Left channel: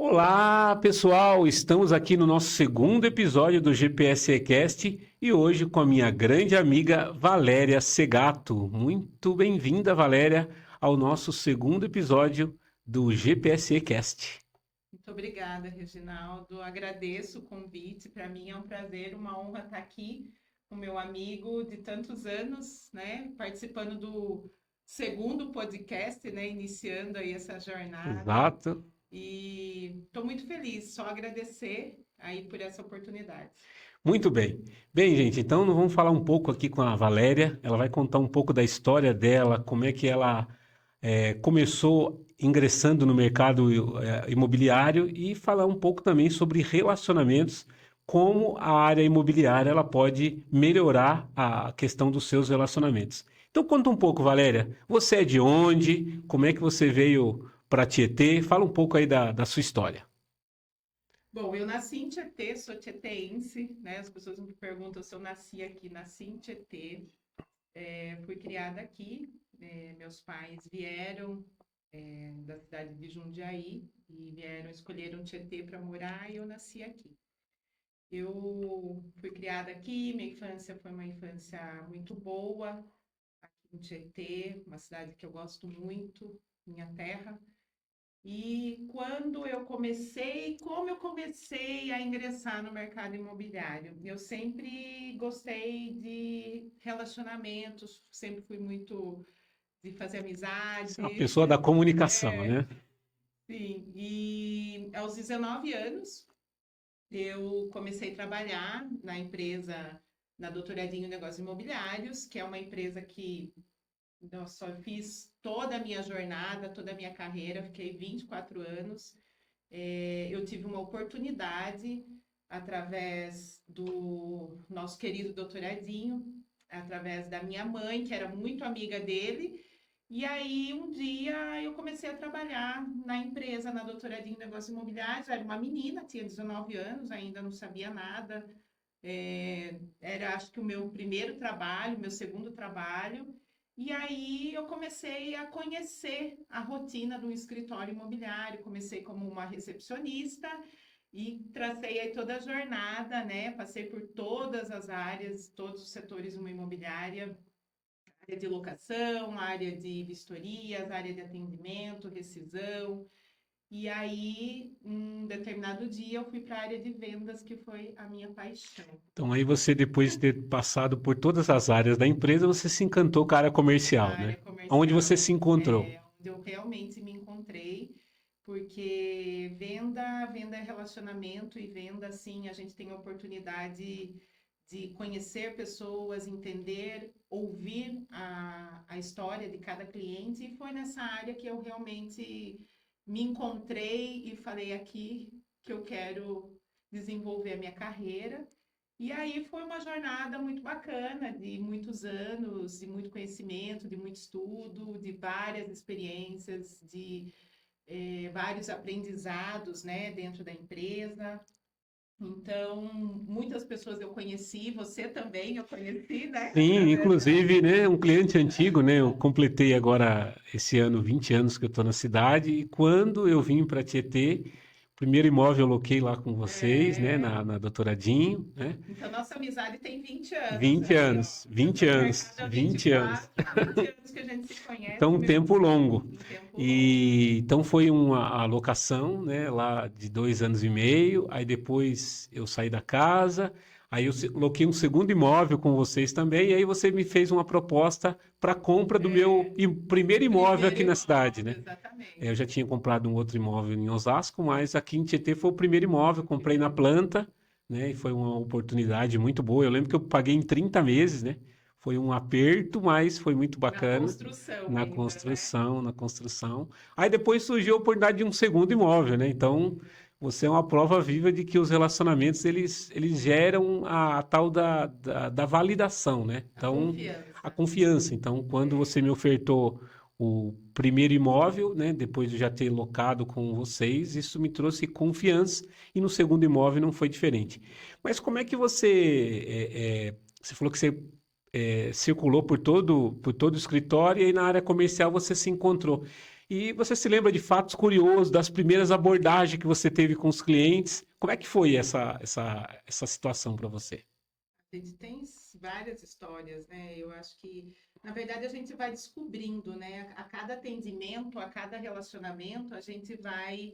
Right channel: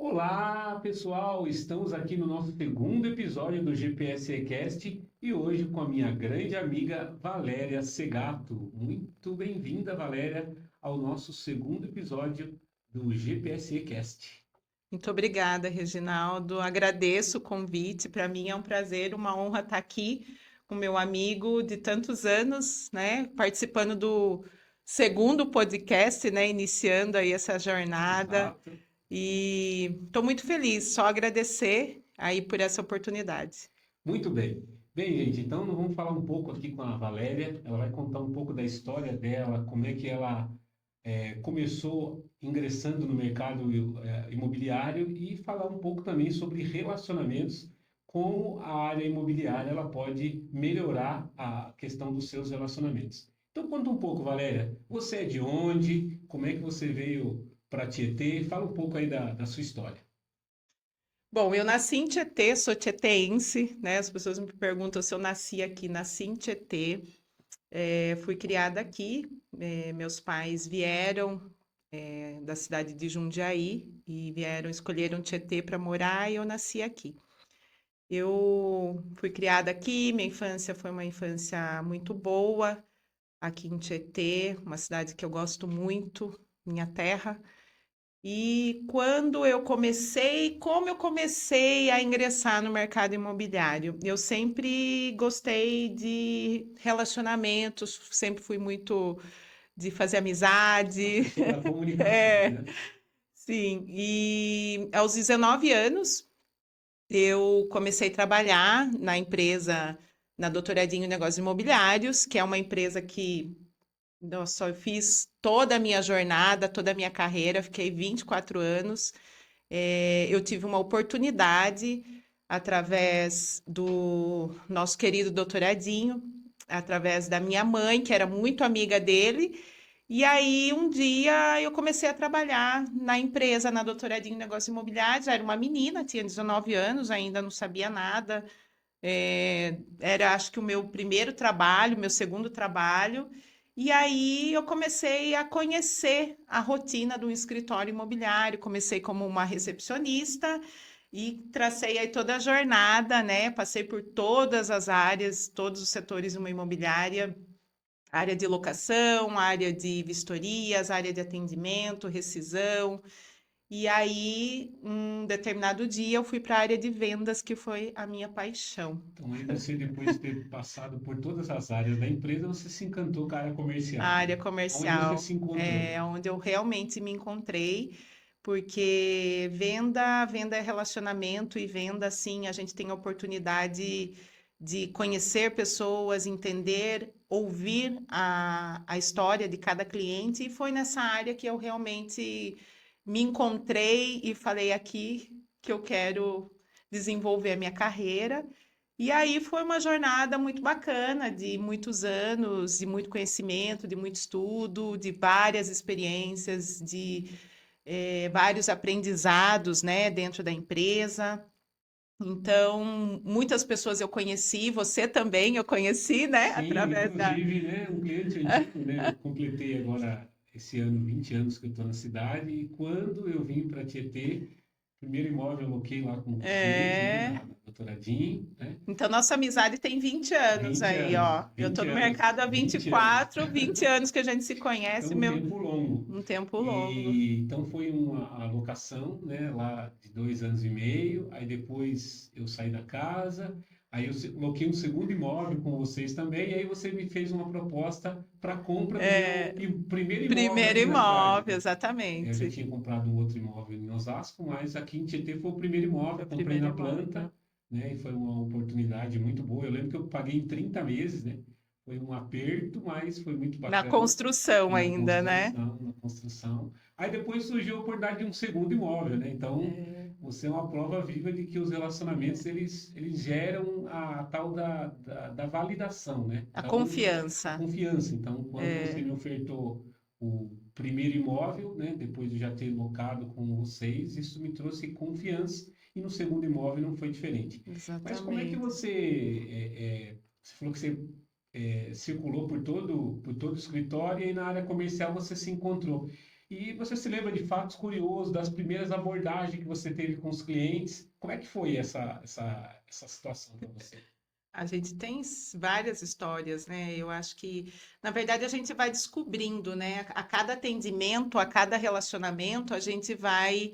Olá, pessoal! Estamos aqui no nosso segundo episódio do GPSEcast e hoje com a minha grande amiga Valéria Segato. Muito bem-vinda, Valéria, ao nosso segundo episódio do GPSEcast. Muito obrigada, Reginaldo. Agradeço o convite. Para mim é um prazer, uma honra estar aqui com meu amigo de tantos anos, né? Participando do segundo podcast, né? Iniciando aí essa jornada. Exato. E estou muito feliz, só agradecer aí por essa oportunidade. Muito bem. Bem, gente, então nós vamos falar um pouco aqui com a Valéria. Ela vai contar um pouco da história dela, como é que ela começou ingressando no mercado imobiliário e falar um pouco também sobre relacionamentos, como a área imobiliária ela pode melhorar a questão dos seus relacionamentos. Então conta um pouco, Valéria. Você é de onde? Como é que você veio para Tietê? Fala um pouco aí da sua história. Bom, eu nasci em Tietê, sou tieteense, né? As pessoas me perguntam se eu nasci aqui, nasci em Tietê. Fui criada aqui, meus pais vieram da cidade de Jundiaí e escolheram Tietê para morar e eu nasci aqui. Eu fui criada aqui, minha infância foi uma infância muito boa aqui em Tietê, uma cidade que eu gosto muito, minha terra. E quando eu comecei, como eu comecei a ingressar no mercado imobiliário? Eu sempre gostei de relacionamentos, sempre fui muito de fazer A amizade. pessoa da comunicação, É, né? sim. E aos 19 anos, eu comecei a trabalhar na empresa, na Doutoradinho Negócios Imobiliários, que é uma empresa que nossa, eu fiz toda a minha jornada, toda a minha carreira, fiquei 24 anos. Eu tive uma oportunidade através do nosso querido doutoradinho, através da minha mãe, que era muito amiga dele. E aí, um dia, eu comecei a trabalhar na empresa, na Doutoradinho em Negócios Imobiliários. Era uma menina, tinha 19 anos, ainda não sabia nada. Era, acho que, o meu primeiro trabalho, meu segundo trabalho. E aí eu comecei a conhecer a rotina do escritório imobiliário. Comecei como uma recepcionista e tracei aí toda a jornada, né? Passei por todas as áreas, todos os setores de uma imobiliária, área de locação, área de vistorias, área de atendimento, rescisão. E aí, um determinado dia, eu fui para a área de vendas, que foi a minha paixão. Então aí você, depois de ter passado por todas as áreas da empresa, você se encantou com a área A comercial, área né? Onde você se comercial encontrou? é onde eu realmente me encontrei, porque venda é relacionamento e venda, assim, a gente tem a oportunidade de conhecer pessoas, entender, ouvir a história de cada cliente, e foi nessa área que eu realmente me encontrei e falei aqui que eu quero desenvolver a minha carreira. E aí foi uma jornada muito bacana, de muitos anos, de muito conhecimento, de muito estudo, de várias experiências, de vários aprendizados, né, dentro da empresa. Então, muitas pessoas eu conheci, você também eu conheci, né, Sim, através da... inclusive, né, um cliente antigo, né? Eu completei agora esse ano 20 anos que eu estou na cidade e quando eu vim para Tietê, o primeiro imóvel eu loquei lá com vocês, né, É... na Doutoradinho, né? Então, nossa amizade tem 20 anos 20 aí, ó. anos, Eu tô 20 no anos, mercado há 20 anos. 24, 20 anos que a gente se conhece, Então, um meu, tempo longo. um tempo longo. E então foi uma alocação, né, lá de 2 anos e meio. Aí depois eu saí da casa, aí eu loquei um segundo imóvel com vocês também. E aí você me fez uma proposta para compra do meu É, primeiro imóvel primeiro aqui na cidade, imóvel, né? Eu já exatamente. tinha comprado um outro imóvel em Osasco, mas aqui em Tietê foi o primeiro imóvel. Foi o Comprei primeiro na imóvel. planta, né? E foi uma oportunidade muito boa. Eu lembro que eu paguei em 30 meses, né? Foi um aperto, mas foi muito Na bacana construção na ainda, né? construção, na construção. Aí depois surgiu a oportunidade de um segundo imóvel, né? Então, você é uma prova viva de que os relacionamentos, eles geram a tal da validação, né? A Então, a confiança. confiança. Então, quando você É, me ofertou o primeiro imóvel, né? Depois de eu já ter locado com vocês, isso me trouxe confiança. E no segundo imóvel não foi diferente. Mas como é que exatamente. você falou que você circulou por todo o escritório e aí na área comercial você se encontrou. E você se lembra de fatos curiosos, das primeiras abordagens que você teve com os clientes? Como é que foi essa situação para você? A gente tem várias histórias, né? Eu acho que, na verdade, a gente vai descobrindo, né? A cada atendimento, a cada relacionamento, a gente vai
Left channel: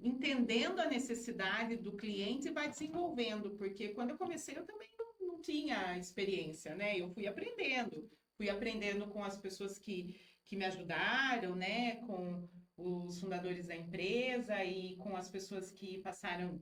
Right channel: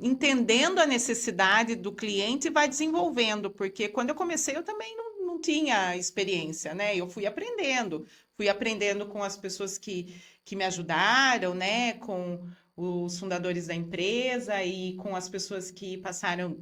entendendo a necessidade do cliente e vai desenvolvendo, porque quando eu comecei, eu também não tinha experiência, né? Eu fui aprendendo com as pessoas que me ajudaram, né? Com os fundadores da empresa e com as pessoas que passaram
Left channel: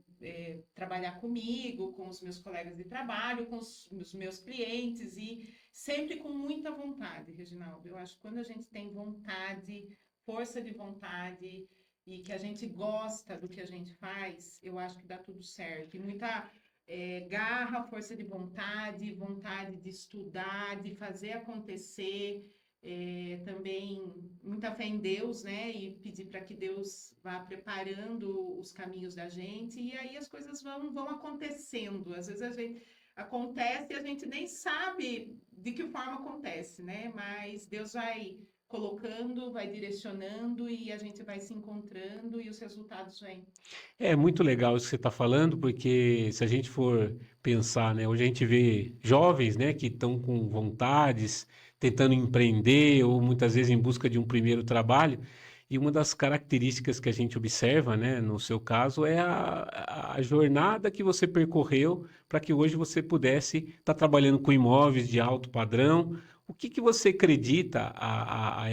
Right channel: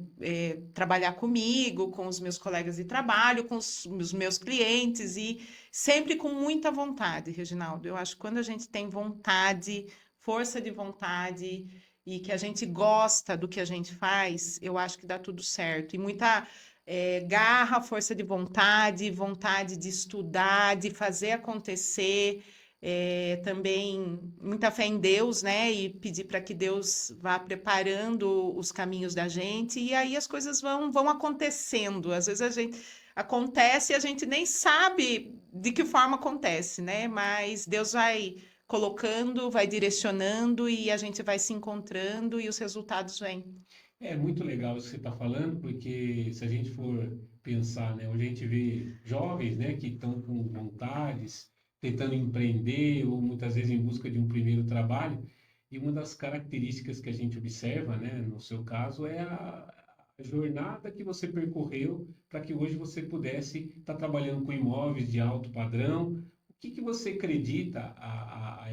trabalhar comigo, com os meus colegas de trabalho, com os meus clientes e sempre com muita vontade, Reginaldo. Eu acho que quando a gente tem vontade, força de vontade e que a gente gosta do que a gente faz, eu acho que dá tudo certo. E muita garra, força de vontade, vontade de estudar, de fazer acontecer. Também muita fé em Deus, né? E pedir para que Deus vá preparando os caminhos da gente, e aí as coisas vão acontecendo. Às vezes a gente acontece e a gente nem sabe de que forma acontece, né? Mas Deus vai colocando, vai direcionando e a gente vai se encontrando e os resultados vêm. É muito legal isso que você está falando, porque se a gente for pensar, né, hoje a gente vê jovens, né, que estão com vontades, tentando empreender ou muitas vezes em busca de um primeiro trabalho, e uma das características que a gente observa, né, no seu caso, é a jornada que você percorreu para que hoje você pudesse estar trabalhando com imóveis de alto padrão. O que que você acredita a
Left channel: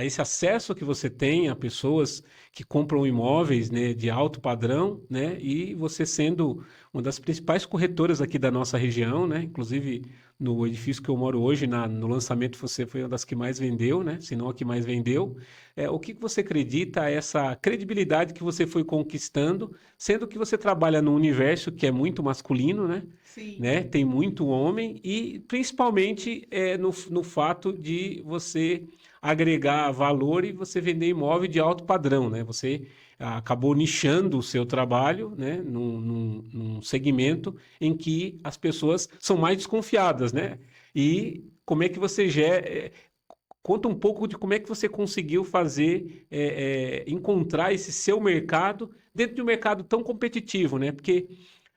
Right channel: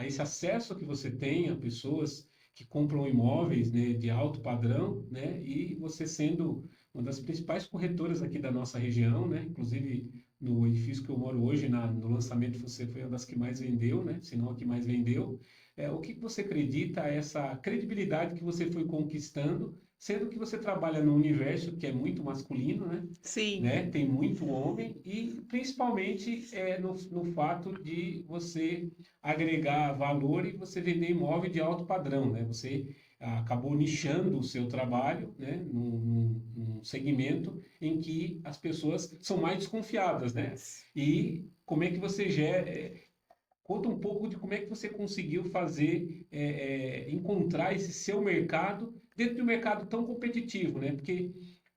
esse acesso que você tem a pessoas que compram imóveis, né, de alto padrão, né, e você sendo uma das principais corretoras aqui da nossa região, né, inclusive no edifício que eu moro hoje, no lançamento você foi uma das que mais vendeu, né, se não a que mais vendeu. O que que você acredita a essa credibilidade que você foi conquistando, sendo que você trabalha num universo que é muito masculino, né, Sim. né, tem muito homem e principalmente no fato de você agregar valor e você vender imóvel de alto padrão, né? Você acabou nichando o seu trabalho, né? Num segmento em que as pessoas são mais desconfiadas, né? E como é que você conta um pouco de como é que você conseguiu fazer, encontrar esse seu mercado dentro de um mercado tão competitivo, né? Porque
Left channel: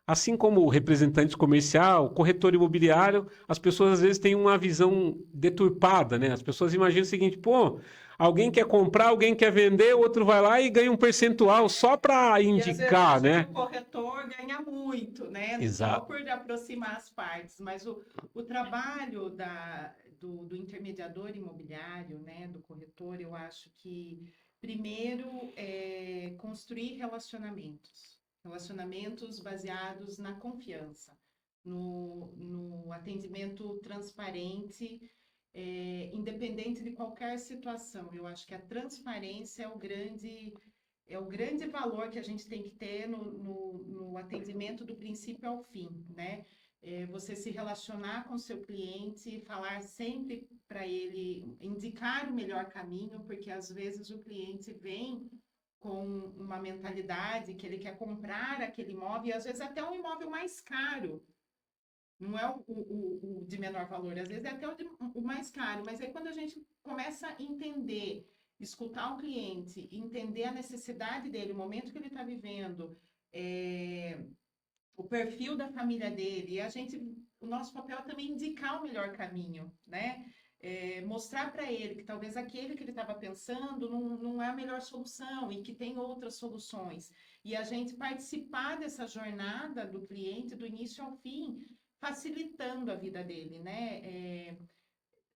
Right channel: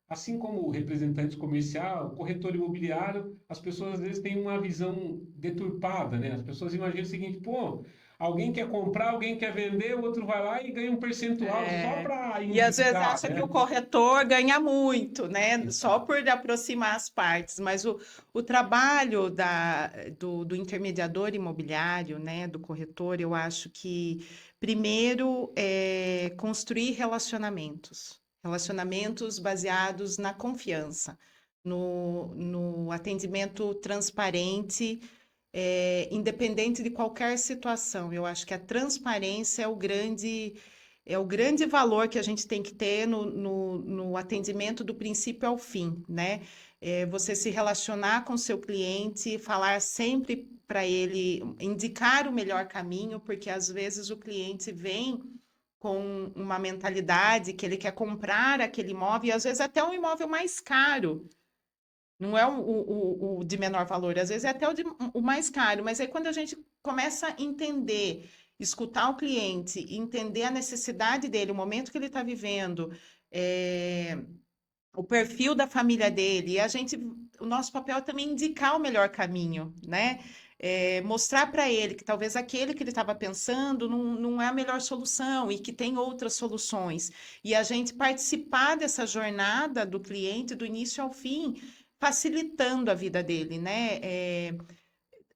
assim como o representante comercial, corretor imobiliário, as pessoas às vezes têm uma visão deturpada, né? As pessoas imaginam o seguinte, pô, alguém quer comprar, alguém quer vender, o outro vai lá e ganha um percentual só É, para e às vezes indicar, acha que o né? corretor ganha muito, né? Só Exato. por aproximar as partes, mas o trabalho do intermediador imobiliário, né? Do corretor, eu acho que primeiro é construir relacionamentos, relacionamentos baseados na confiança, no atendimento transparente independente de qualquer situação. Eu acho que a transparência é o grande valor que a gente tem que ter no atendimento do princípio ao fim, né? Você se relacionar com o seu cliente, falar sempre para ele, indicar o melhor caminho, porque às vezes o cliente vem com uma mentalidade que ele quer comprar aquele imóvel, e às vezes até um imóvel mais caro. Não é o de menor valor, às vezes é até o mais caro, mas aí quando a gente começa a entender, escutar o cliente, entender a necessidade dele, o momento que ele está vivendo, é, o perfil da família dele, e o nosso papel é também indicar o melhor caminho, né? Mostrar para ele que talvez aquele que ele estava pensando não é a melhor solução e que tem outras soluções. E a gente participar dessa jornada do cliente do início ao fim, facilitando a vida dele, né?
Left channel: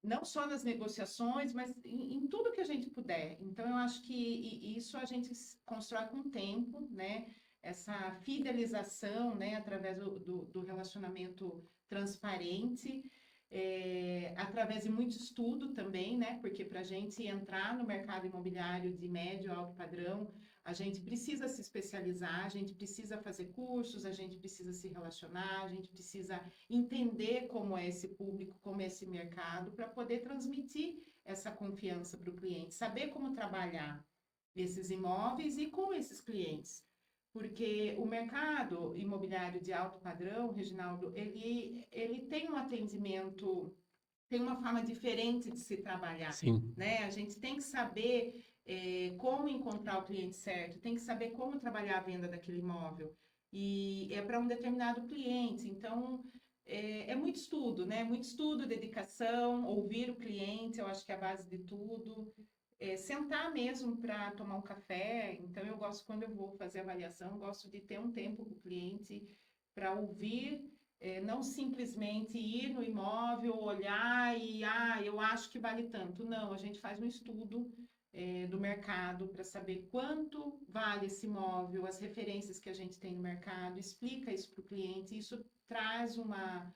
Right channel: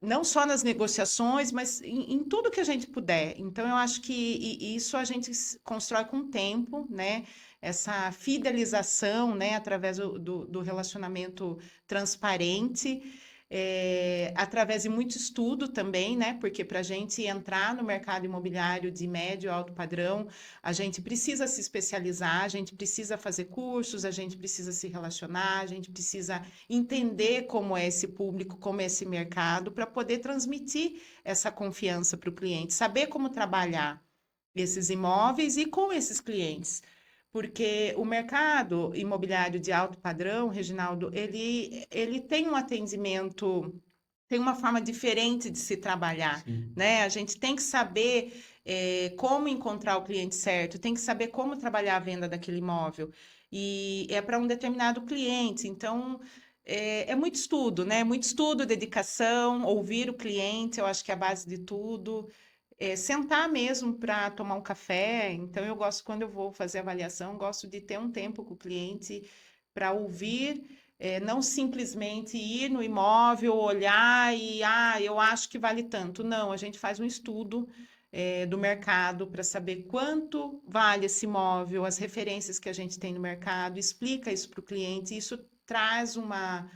Não só nas negociações, mas em tudo que a gente puder. Então, eu acho que isso a gente constrói com o tempo, né? Essa fidelização, né? Através do relacionamento transparente, através de muito estudo também, né? Porque para a gente entrar no mercado imobiliário de médio e alto padrão, a gente precisa se especializar, a gente precisa fazer cursos, a gente precisa se relacionar, a gente precisa entender como é esse público, como é esse mercado, para poder transmitir essa confiança para o cliente, saber como trabalhar esses imóveis e com esses clientes. Porque o mercado imobiliário de alto padrão, Reginaldo, ele tem um atendimento tem uma forma diferente de se trabalhar, Sim. né? A gente tem que saber como encontrar o cliente certo, tem que saber como trabalhar a venda daquele imóvel. E é para um determinado cliente. Então, é muito estudo, né? Muito estudo, dedicação, ouvir o cliente, eu acho que é a base de tudo. Sentar mesmo para tomar um café. Então, eu gosto, quando eu vou fazer avaliação, gosto de ter um tempo com o cliente para ouvir, não simplesmente ir no imóvel, olhar e, eu acho que vale tanto. Não, a gente faz um estudo, do mercado para saber quanto vale esse imóvel, as referências que a gente tem no mercado, explica isso para o cliente, isso traz uma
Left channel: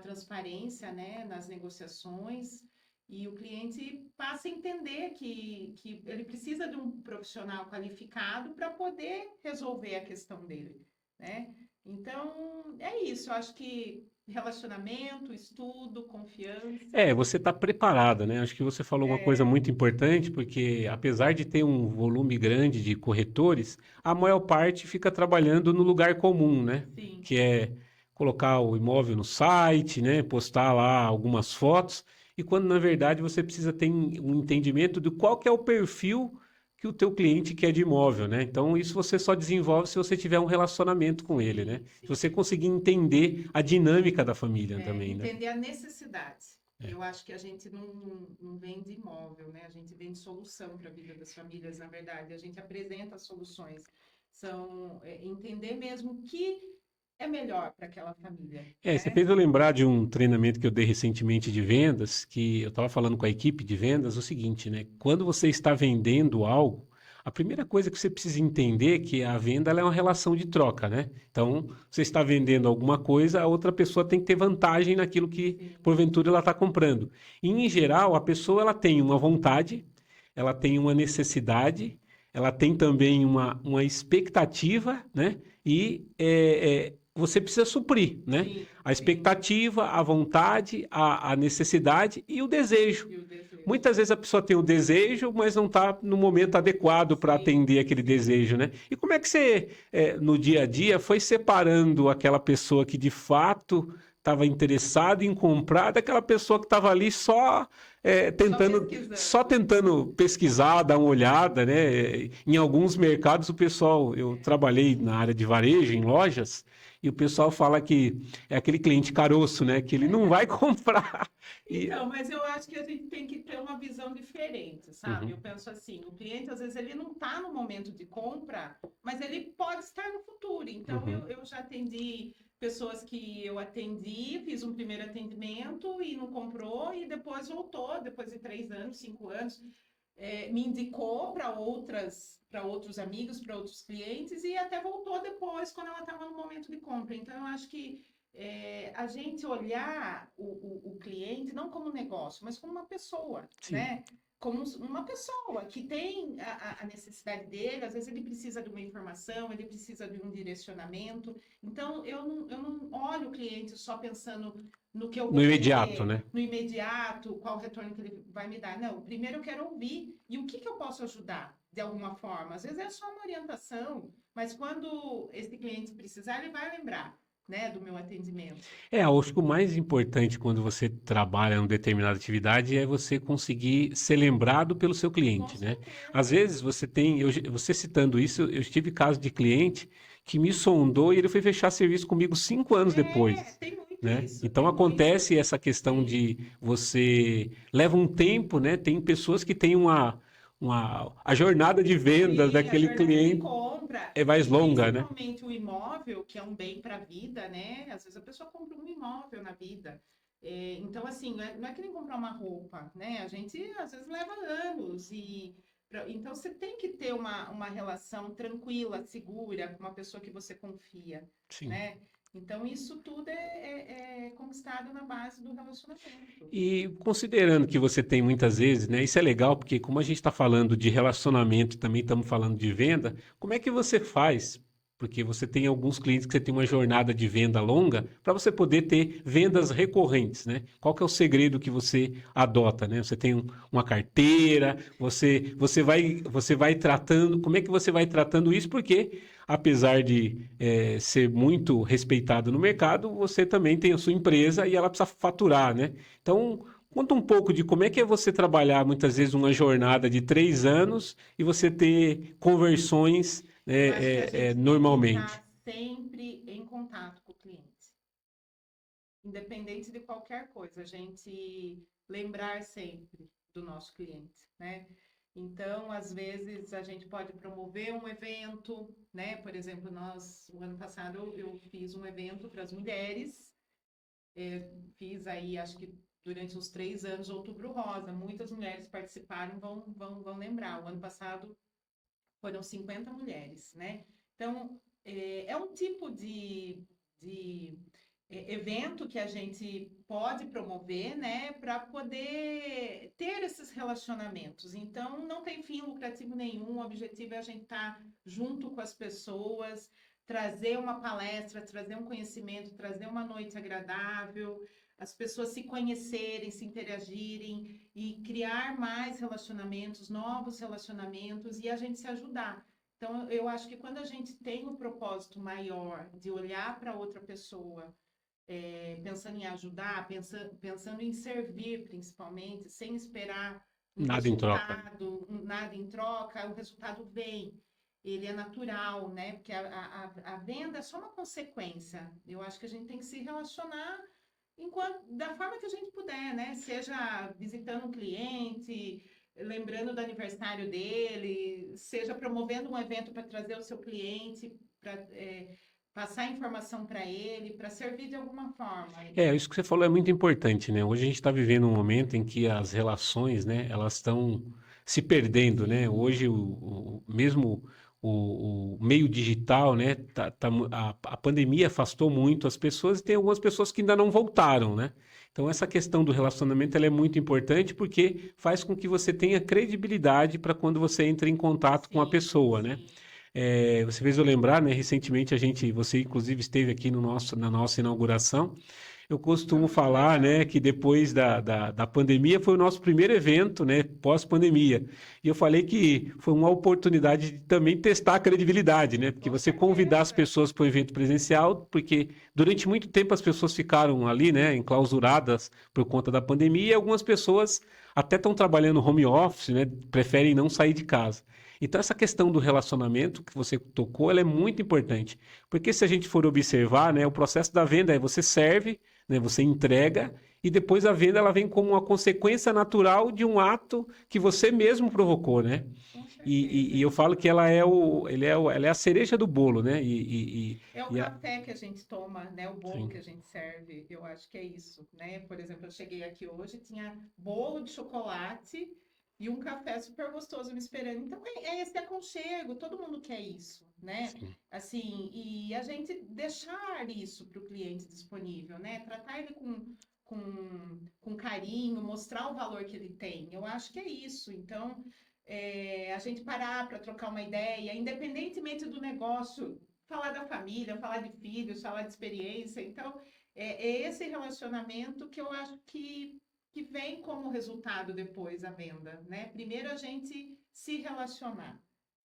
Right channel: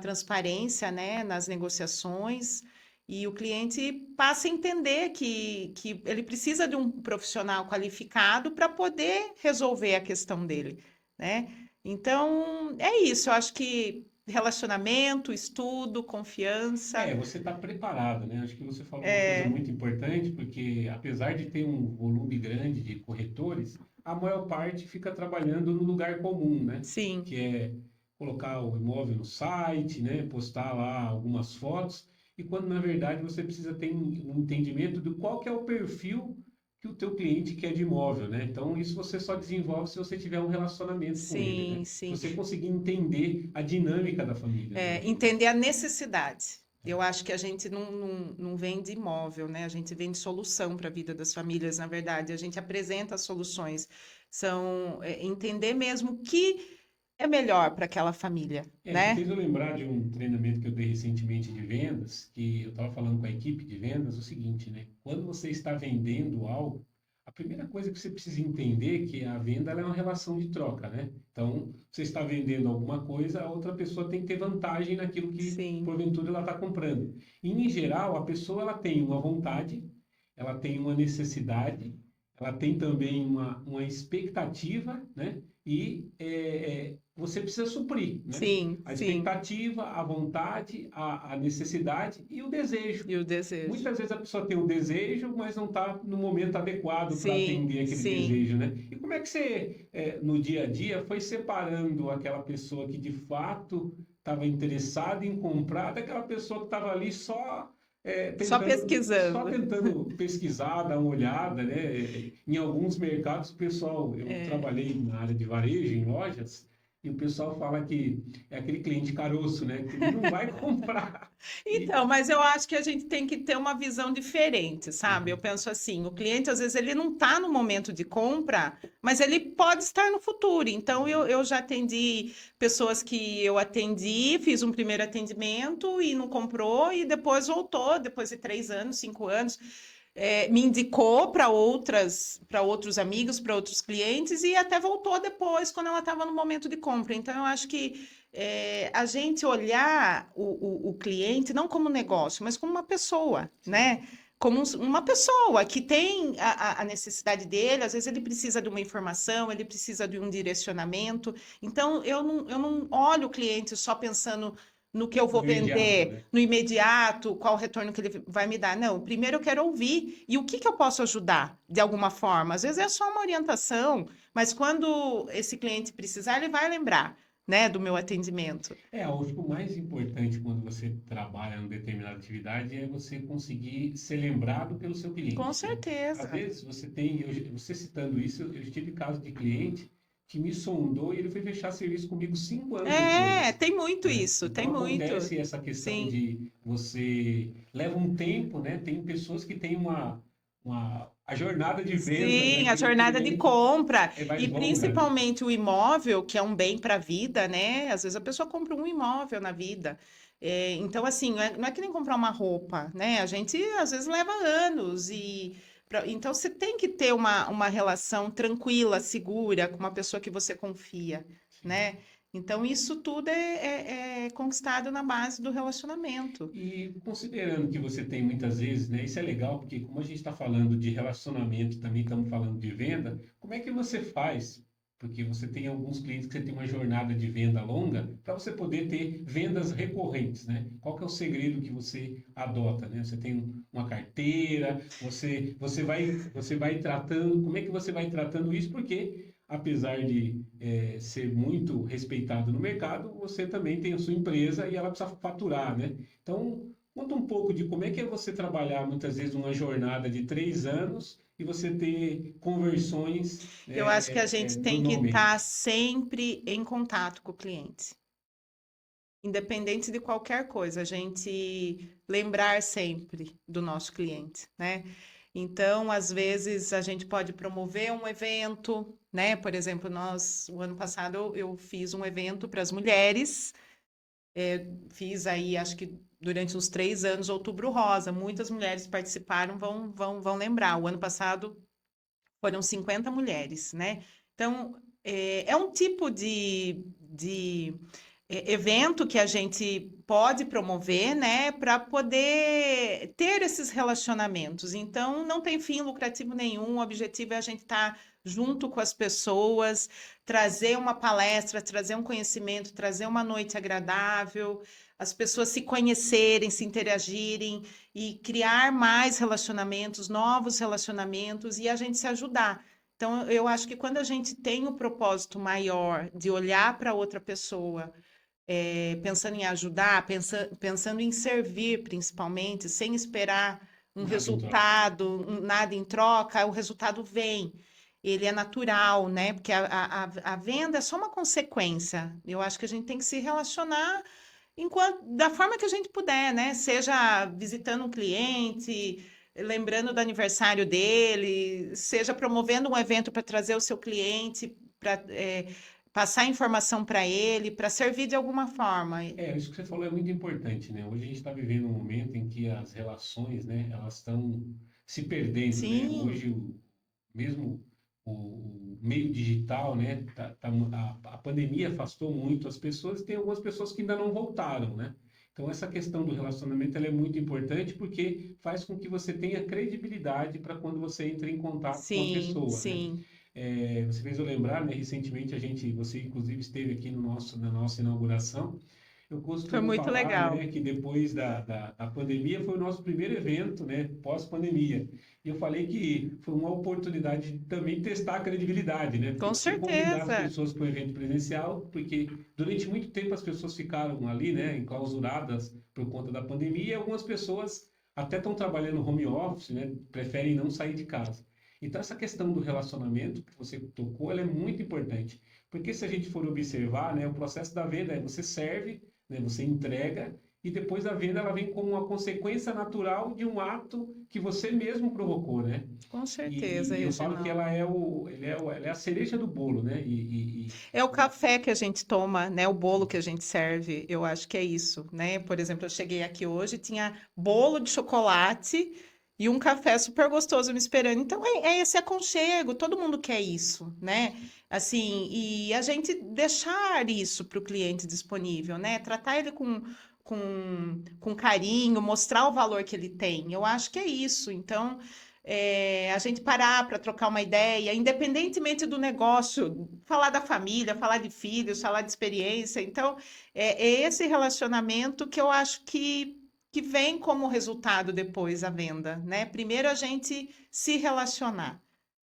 transparência, né, nas negociações. E o cliente passa a entender que ele precisa de um profissional qualificado para poder resolver a questão dele, né? Então, é isso. Eu acho que relacionamento, estudo, confiança. Você está preparada, né? Acho que você falou uma coisa muito importante, porque apesar de ter um volume grande de corretores, a maior parte fica trabalhando no lugar comum, né? Sim, Que é colocar o imóvel no site, né? Postar lá algumas fotos, e quando na verdade você precisa ter um entendimento de qual que é o perfil que o teu cliente quer de imóvel, né? Então isso você só desenvolve se você tiver um relacionamento com ele, né? sim, Se sim. você conseguir entender a dinâmica da família também, né? Entender a necessidade. Eu acho que a gente não vende imóvel, né? A gente vende solução para a vida das famílias, na verdade. A gente apresenta soluções. São entender mesmo o que é melhor para aquela família, Você né? fez eu lembrar de um treinamento que eu dei recentemente de vendas, que eu estava falando com a equipe de vendas o seguinte, né? Quando você está vendendo algo, a primeira coisa que você precisa entender é que a venda ela é uma relação de troca, né? Então, você está vendendo alguma coisa, a outra pessoa tem que ter vantagem naquilo que, Sim, porventura, ela está comprando. E, em geral, a pessoa ela tem uma vontade, ela tem uma necessidade, ela tem também uma expectativa, né? E você precisa suprir, né? sim, A sim. expectativa, a vontade, a necessidade e o desejo. E o desejo. Muitas vezes a pessoa tem o desejo, mas não está no momento adequado para Sim, atender aquele sim. desejo, né? E como é que você, no dia a dia, foi separando aquela pessoa que de fato estava interessada em comprar daquela pessoa que estava ali Só só pesquisando. tentando pesquisar, dar uma olhada, né? Em alguns mercados, o pessoal, eu trabalhei na área de varejo, em lojas, e o pessoal fala que é aquele cliente caroço, né? Que ele não vai comprar. E, Então, mas eu acho que a gente tem que ter uma visão diferente, sabe? Eu Uhum, penso assim, o cliente às vezes ele não está no momento de compra, mas ele pode estar no futuro. Então, uhum. eu já atendi pessoas que eu atendi, fiz um primeiro atendimento e não comprou, e depois voltou, depois de 3 anos, 5 anos, me indicou para outros amigos, para outros clientes, e até voltou depois, quando ela estava no momento de compra. Então, eu acho que a gente olhar o cliente não como negócio, mas como uma pessoa, Sim. né? Como uma pessoa que tem a necessidade dele, às vezes ele precisa de uma informação, ele precisa de um direcionamento. Então, eu não olho o cliente só pensando no que eu No vou imediato, vender, né? no imediato, qual o retorno que ele vai me dar. Não, primeiro eu quero ouvir. E o que eu posso ajudar de alguma forma? Às vezes é só uma orientação, mas quando esse cliente precisar, ele vai lembrar, né, do meu atendimento. Eu acho que o mais importante quando você trabalha em uma determinada atividade é você conseguir ser lembrado pelo seu Com cliente, né? Às certeza. vezes você citando isso, eu tive caso de cliente que me sondou e ele foi fechar serviço comigo 5 anos depois, Tem muito né? isso, Então tem muito. acontece essa questão Sim, de você leva um tempo, né? Tem pessoas que têm a jornada de vendas sim, a daquele jornada de cliente compra é e mais longa, né? principalmente o imóvel, que é um bem para a vida, né? Às vezes a pessoa compra um imóvel na vida. Então, assim, não é que nem comprar uma roupa, né? A gente às vezes leva anos então você tem que ter uma relação tranquila, segura, com uma pessoa que você confia, Sim. né? Então, isso tudo é conquistado na base do relacionamento. E considerando que você tem muitas vezes, né? Isso é legal, porque como a gente está falando de relacionamento, e também estamos falando de venda, como é que você faz? Porque você tem alguns clientes que você tem uma jornada de venda longa, para você poder ter vendas recorrentes, né? Qual que é o segredo que você adota, né? Você tem uma carteira, você vai tratando, como é que você vai tratando isso? Porque apesar de ser muito respeitado no mercado, você também tem a sua empresa e ela precisa faturar, né? Então, Conta um pouco de como é que é você trabalhar muitas vezes uma jornada de 3 anos e você ter conversões Eu acho que a gente tem que estar normalmente. sempre em contato com o cliente, independente de qualquer coisa, a gente lembrar sempre do nosso cliente, né? Então, às vezes, a gente pode promover um evento, né? Por exemplo, o ano passado, eu fiz um evento para as mulheres, fiz aí, acho que durante uns 3 anos, Outubro Rosa. Muitas mulheres participaram, vão lembrar. O ano passado foram 50 mulheres, né? Então, é um tipo de evento que a gente pode promover, né, para poder ter esses relacionamentos. Então, não tem fim lucrativo nenhum, o objetivo é a gente estar junto com as pessoas, trazer uma palestra, trazer um conhecimento, trazer uma noite agradável, as pessoas se conhecerem, se interagirem e criar mais relacionamentos, novos relacionamentos e a gente se ajudar. Então, eu acho que quando a gente tem o propósito maior de olhar para outra pessoa, pensando em ajudar, pensando em servir, principalmente, sem esperar um Nada em troca. resultado, nada em troca, o resultado vem. Ele é natural, né? Porque a venda é só uma consequência. Eu acho que a gente tem que se relacionar da forma que a gente puder, né? Seja visitando um cliente, lembrando do aniversário dele, seja promovendo um evento para trazer o seu cliente, para passar informação para ele, para servir de alguma forma. Isso que você falou é muito importante, né? Hoje a gente está vivendo um momento em que as relações, né, elas estão se perdendo, né? Hoje, Sim, mesmo o meio digital, né, a pandemia afastou muito as pessoas e tem algumas pessoas que ainda não voltaram, né? Então, essa questão do relacionamento ela é muito importante porque faz com que você tenha credibilidade para quando você entra em contato com a sim, pessoa, né? sim. Você fez eu lembrar, né? Recentemente você inclusive esteve aqui na nossa inauguração. Eu Foi costumo muito falar, né, legal. que depois da pandemia foi o nosso primeiro evento, né, pós-pandemia. E eu falei que foi uma oportunidade de também testar a credibilidade, né, porque Com você convidar as certeza. pessoas para o evento presencial, porque durante muito tempo as pessoas ficaram ali, né, enclausuradas por conta da pandemia, e algumas pessoas até estão trabalhando home office, né, preferem não sair de casa. Então, essa questão do relacionamento que você tocou, ela é muito importante. Porque se a gente for observar, né, o processo da venda é você serve, né, você entrega e depois a venda ela vem como uma consequência natural de um ato que você mesmo provocou, né? Com E, certeza, e eu falo que Reginaldo. ela é a cereja do bolo, né? É o E a- café que a gente toma, né? O bolo sim, que a gente serve. Eu acho que é isso, né? Por exemplo, eu cheguei aqui hoje, tinha bolo de chocolate e um café super gostoso me esperando. Então, é esse aconchego, todo mundo quer isso, né? sim. Assim, e a gente deixar isso para o cliente disponível, né? Tratar ele com carinho, mostrar o valor que ele tem. Eu acho que é isso. Então, a gente parar para trocar uma ideia, independentemente do negócio, falar da família, falar de filhos, falar de experiência. Então, é esse relacionamento que eu acho que vem como resultado depois a venda, né? Primeiro a gente se relacionar,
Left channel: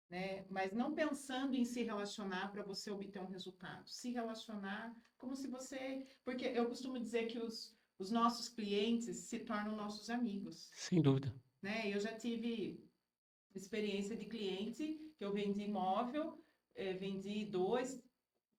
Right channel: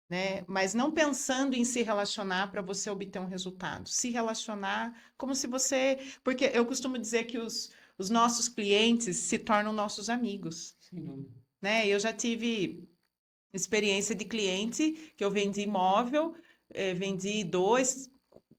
né? Mas não pensando em se relacionar para você obter um resultado. Se relacionar como se você. Porque eu costumo dizer que os nossos clientes se tornam nossos amigos, Sem dúvida. né? Eu já tive experiência de cliente que eu vendi imóvel, vendi dois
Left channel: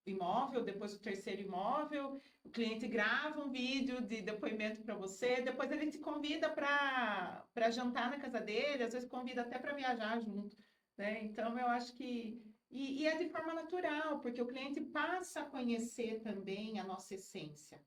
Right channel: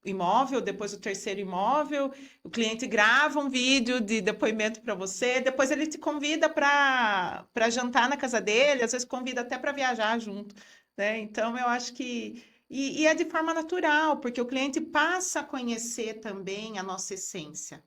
imóvel, depois o terceiro imóvel, o cliente grava um vídeo de depoimento para você, depois ele te convida para jantar na casa dele, às vezes convida até para viajar junto, né? Então eu acho que e é de forma natural, porque o cliente passa a conhecer também a nossa essência,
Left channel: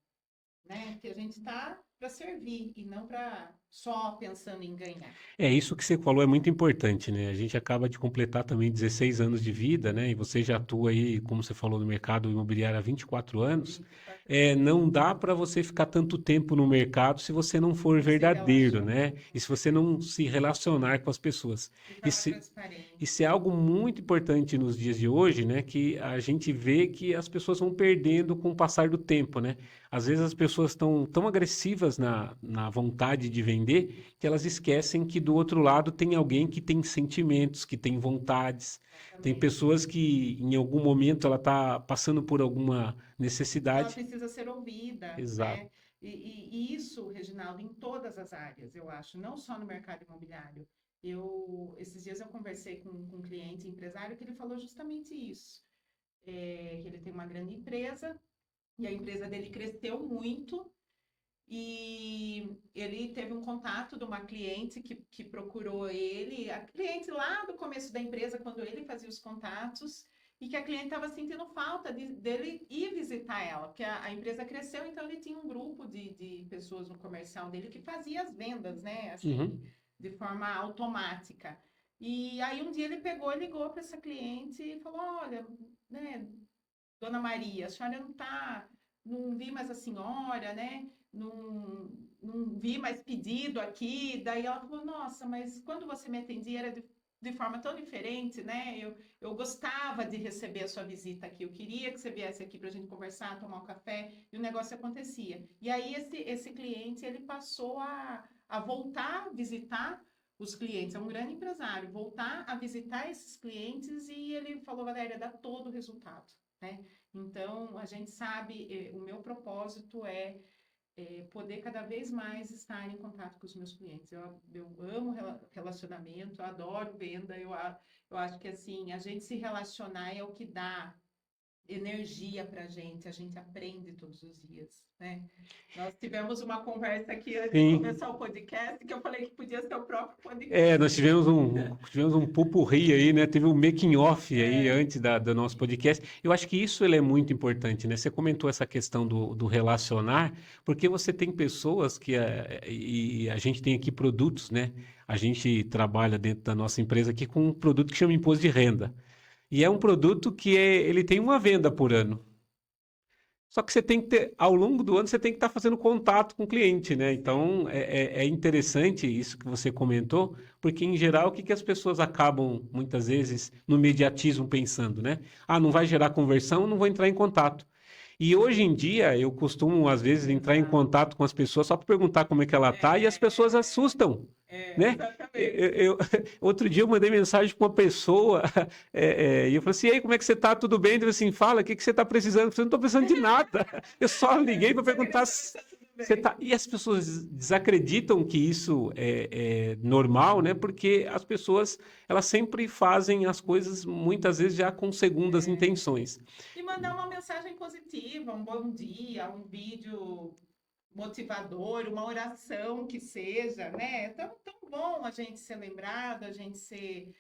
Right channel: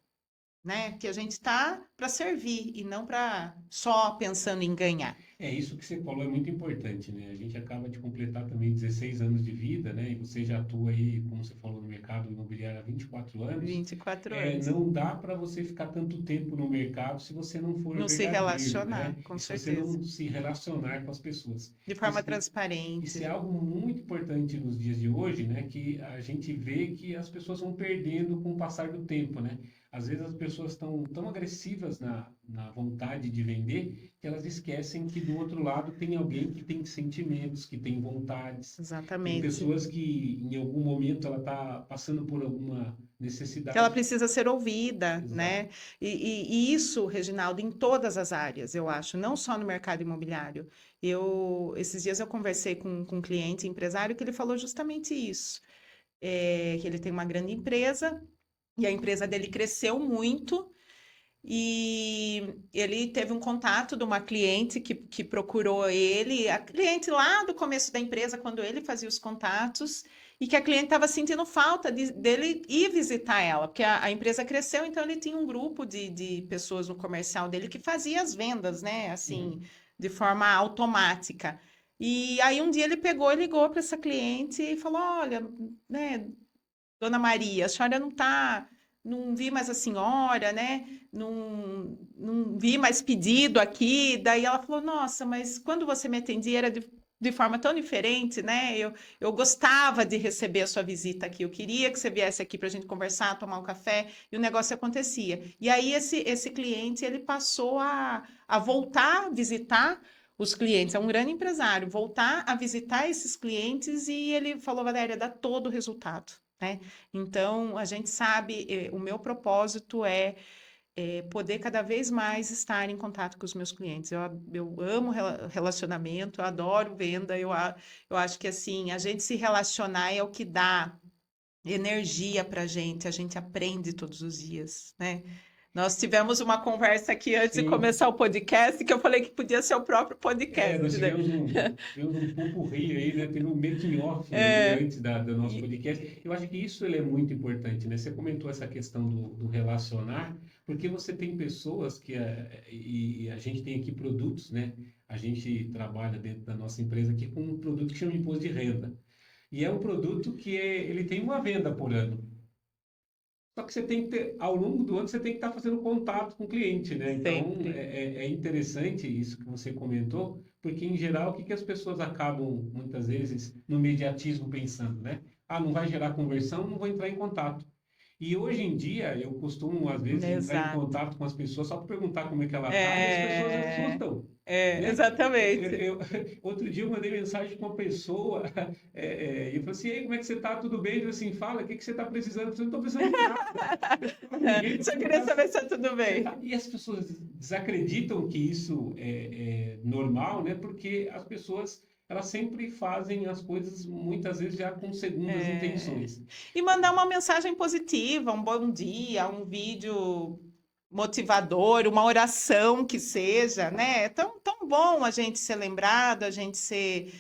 né? Que a gente está para servir e não para só pensando em ganhar. Isso que você falou é muito importante, né? A gente acaba de completar também 16 anos de vida, né? E você já atua aí, como você falou, no mercado imobiliário há 24 anos. 24 anos. Não dá para você ficar tanto tempo no mercado se você não for Não se verdadeiro, né? relacionar, com E se você certeza. não se relacionar com as pessoas. De forma Isso, isso é transparente. algo muito importante nos dias de hoje, né? Que a gente vê que as pessoas vão perdendo com o passar do tempo, né? Às vezes as pessoas pessoas estão tão agressivas na vontade de vender que elas esquecem que do outro lado tem alguém que tem sentimentos, que tem vontades. Tem Exatamente. pessoas que em algum momento ela está passando por alguma Ela necessidade. precisa ser ouvida, Exato. né? E isso, Reginaldo, em todas as áreas, eu acho, não só no mercado imobiliário. Esses dias eu conversei com um cliente empresário que ele falou justamente isso, que ele tem uma grande empresa e a empresa dele cresceu muito e ele teve um contato de uma cliente que procurou ele, a cliente lá do começo da empresa, quando ele fazia os contatos, e que a cliente estava sentindo falta dele ir visitar ela, porque a empresa cresceu, então ele tinha um grupo de pessoas no comercial dele que fazia as vendas, né? Assim, Uhum. de forma automática. E aí um dia ele pegou e ligou para essa cliente e falou: Olha, né, Dona Maria, a senhora não vi mais a senhora, né? Não vi mais pedido aqui. Daí ela falou: Nossa, mas quando você me atendia era de forma tão diferente, né? Eu gostava de receber a sua visita aqui. Eu queria que você viesse aqui para a gente conversar, tomar um café, e o negócio acontecia. E aí esse cliente ele passou a voltar a visitar os clientes. É um grande empresário, voltar a visitar esses clientes e ele falou: Valéria, dá todo o resultado. Né? Então, a gente sabe, o meu propósito é poder cada vez mais estar em contato com os meus clientes. Eu amo relacionamento, eu adoro venda, eu acho que assim, a gente se relacionar é o que dá energia para a gente aprende todos os dias, né? Nós tivemos uma conversa aqui antes de Sim. começar o podcast, que eu falei que podia ser o próprio podcast, Nós né? tivemos um pupurri aí, né? Teve um making off aí É, antes do nosso e- podcast. Eu acho que isso ele é muito importante, né? Você comentou essa questão do relacionar, porque você tem pessoas e a gente tem aqui produtos, né? A gente trabalha dentro da nossa empresa aqui com um produto que chama imposto de renda. E é um produto ele tem uma venda por ano. Só que você tem que ter, ao longo do ano, você tem que estar fazendo contato com o cliente, né? Então, sempre. é interessante isso que você comentou, porque, em geral, o que que as pessoas acabam, muitas vezes, no imediatismo pensando, né? Ah, não vai gerar conversão, não vou entrar em contato. E hoje em dia, eu costumo, às vezes, entrar em Exato. contato com as pessoas só para perguntar como é que ela tá, e as pessoas É, assustam, né? exatamente. Outro dia eu mandei mensagem para uma pessoa e eu falei assim, e aí, como é que você tá? Tudo bem? Ele falou assim, fala, o que que você está precisando? Eu falei, não estou precisando de nada. Eu só liguei para Só queria perguntar saber se se tá tudo você bem. tá... E as pessoas desacreditam que isso é normal, né? Porque as pessoas, elas sempre fazem as coisas, muitas vezes, já com segundas É, intenções. e mandar uma mensagem positiva, um bom dia, um vídeo motivador, uma oração que seja, né? É tão bom a gente ser lembrado, a gente ser,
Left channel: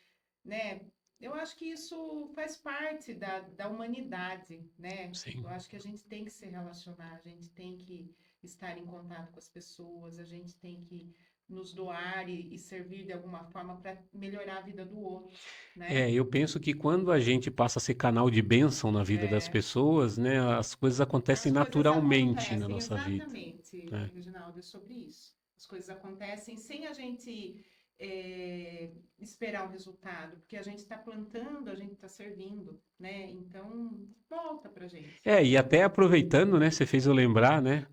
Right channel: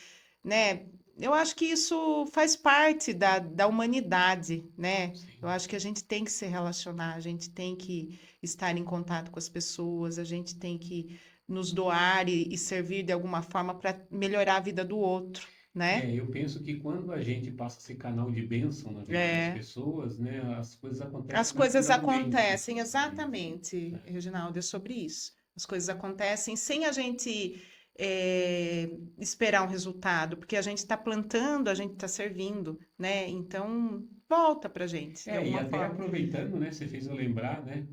né? Eu acho que isso faz parte da humanidade, né? Eu Sim. acho que a gente tem que se relacionar, a gente tem que estar em contato com as pessoas, a gente tem que nos doar e servir de alguma forma para melhorar a vida do outro, né? Eu penso que quando a gente passa a ser canal de bênção na vida das É. pessoas, né, as coisas acontecem As coisas naturalmente na acontecem, nossa vida, exatamente, né? Reginaldo, é sobre isso. As coisas acontecem sem a gente esperar um resultado, porque a gente está plantando, a gente está servindo, né? Então, volta para a gente, de E alguma até forma. aproveitando, né, você fez eu lembrar, né,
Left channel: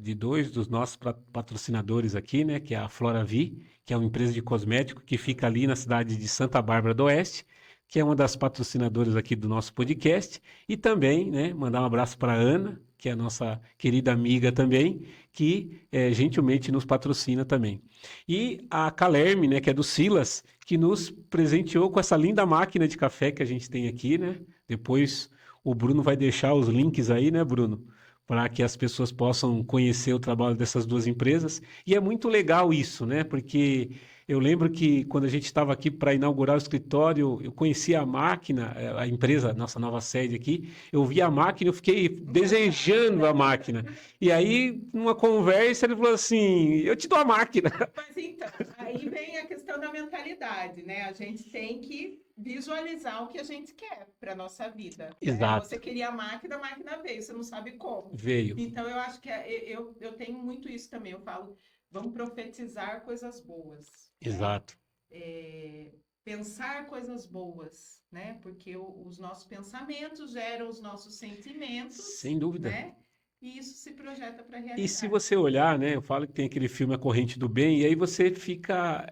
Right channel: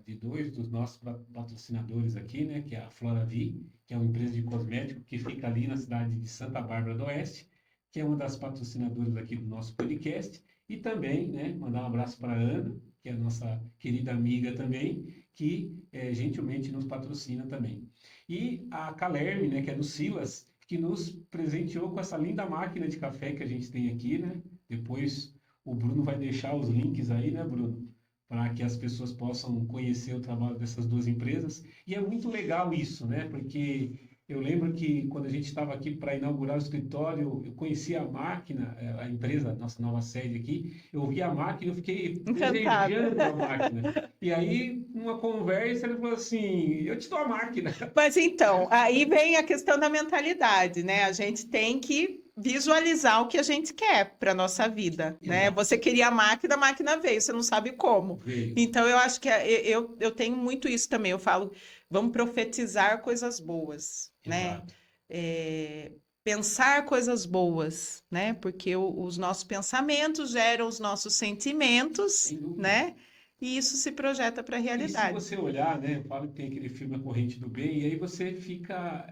de dois dos nossos patrocinadores aqui, né, que é a Floravi, que é uma empresa de cosmético que fica ali na cidade de Santa Bárbara do Oeste, que é uma das patrocinadoras aqui do nosso podcast, e também, né, mandar um abraço para a Ana, que é a nossa querida amiga também, que gentilmente nos patrocina também. E a Calerme, né, que é do Silas, que nos presenteou com essa linda máquina de café que a gente tem aqui, né? Depois o Bruno vai deixar os links aí, né, Bruno? Para que as pessoas possam conhecer o trabalho dessas duas empresas. E é muito legal isso, né? Porque eu lembro que quando a gente estava aqui para inaugurar o escritório, eu conheci a máquina, a empresa, nossa nova sede aqui, eu vi a máquina, eu fiquei Encantada. desejando a máquina. E aí, numa conversa, ele falou assim: eu te dou a máquina. Mas então, aí vem a questão da mentalidade, né? A gente tem que visualizar o que a gente quer para nossa vida, né? Você Exato, queria a máquina veio, você não sabe como. veio. Então, eu acho que eu tenho muito isso também. Eu falo, vamos profetizar coisas boas, né? Exato. É, pensar coisas boas, né? Porque os nossos pensamentos geram os nossos sentimentos, Sem dúvida. né? e isso se projeta para a E se realidade. você olhar, né? Eu falo que tem aquele filme A Corrente do Bem, e aí você fica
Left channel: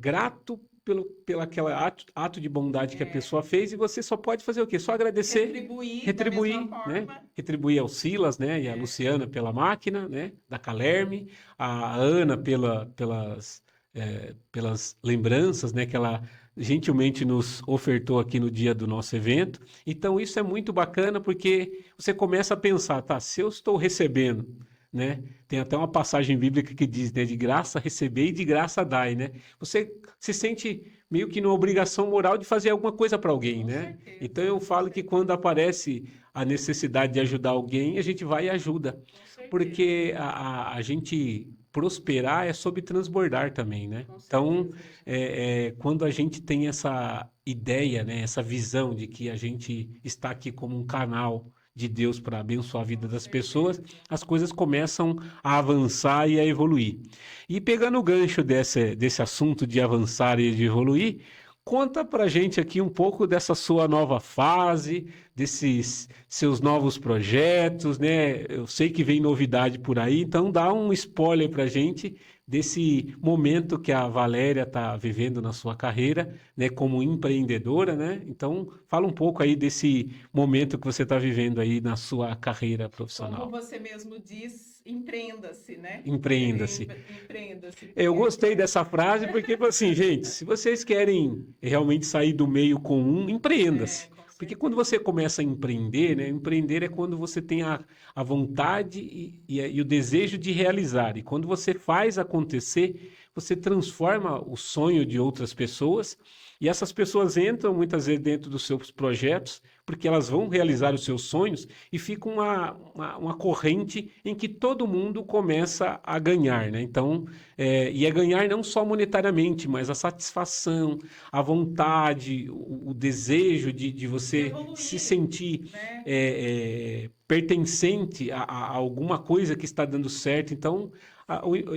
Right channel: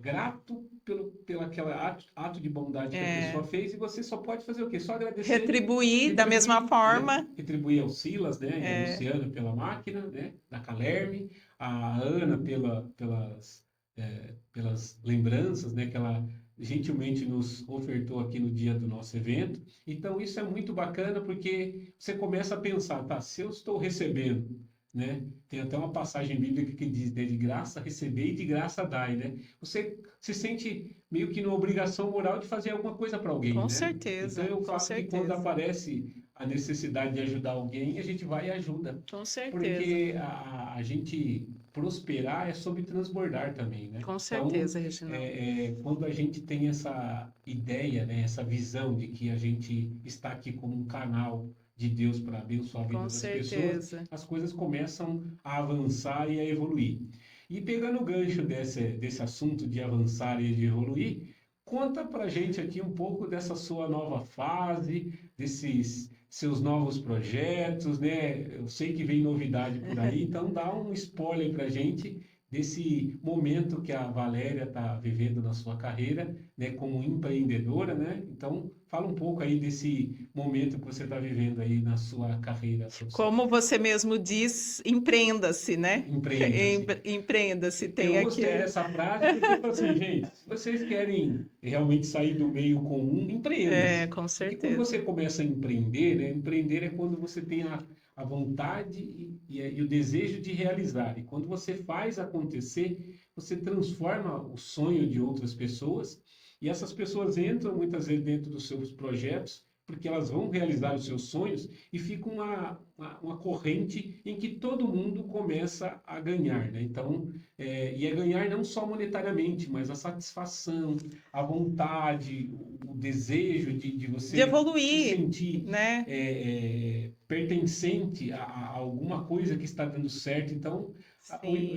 grato pelo aquele ato de bondade que a pessoa É, fez, e você só pode fazer o quê? Só agradecer, retribuir da mesma retribuir, né? forma. Retribuir ao Silas, né? E a É, Luciana pela máquina, né? Da Calerme, a Ana pelas lembranças, né? Que ela gentilmente nos ofertou aqui no dia do nosso evento. Então, isso é muito bacana porque você começa a pensar, tá, se eu estou recebendo, né? Tem até uma passagem bíblica que diz, né, de graça receber e de graça dai, né? Você se sente meio que numa obrigação moral de fazer alguma coisa para alguém, né? Então eu com falo que quando certeza, aparece a necessidade de ajudar alguém, a gente vai e ajuda, com certeza, porque a gente prosperar é sobre transbordar também, né? com Então, certeza, Reginaldo. quando a gente tem essa ideia, né, essa visão de que a gente está aqui como um canal de Deus para abençoar a vida Com das pessoas, certeza. as coisas começam a avançar e a evoluir. E pegando o gancho desse assunto de avançar e de evoluir, conta pra gente aqui um pouco dessa sua nova fase, desses seus novos projetos, né? Eu sei que vem novidade por aí, então dá um spoiler pra gente desse momento que a Valéria está vivendo na sua carreira, né, como empreendedora, né? Então, fala um pouco aí desse momento que você está vivendo aí na sua carreira Como profissional. você mesmo diz, empreenda-se, né? Empreenda-se. Empreenda-se, Eu tem aqui. gostei dessa frase porque, tipo assim, gente, se vocês querem realmente sair do meio comum, empreenda-se. Com Porque quando certeza. você começa a empreender, né? Empreender é quando você tem a vontade e o desejo de realizar. E quando você faz acontecer, você transforma o sonho de outras pessoas. E essas pessoas entram muitas vezes dentro dos seus projetos, porque elas vão realizar os seus sonhos e fica uma corrente em que todo mundo começa a ganhar, né? Então, e é ganhar não só monetariamente, mas a satisfação, a vontade, o desejo de De você se evoluir, sentir né? pertencente a alguma coisa que está dando certo. Então,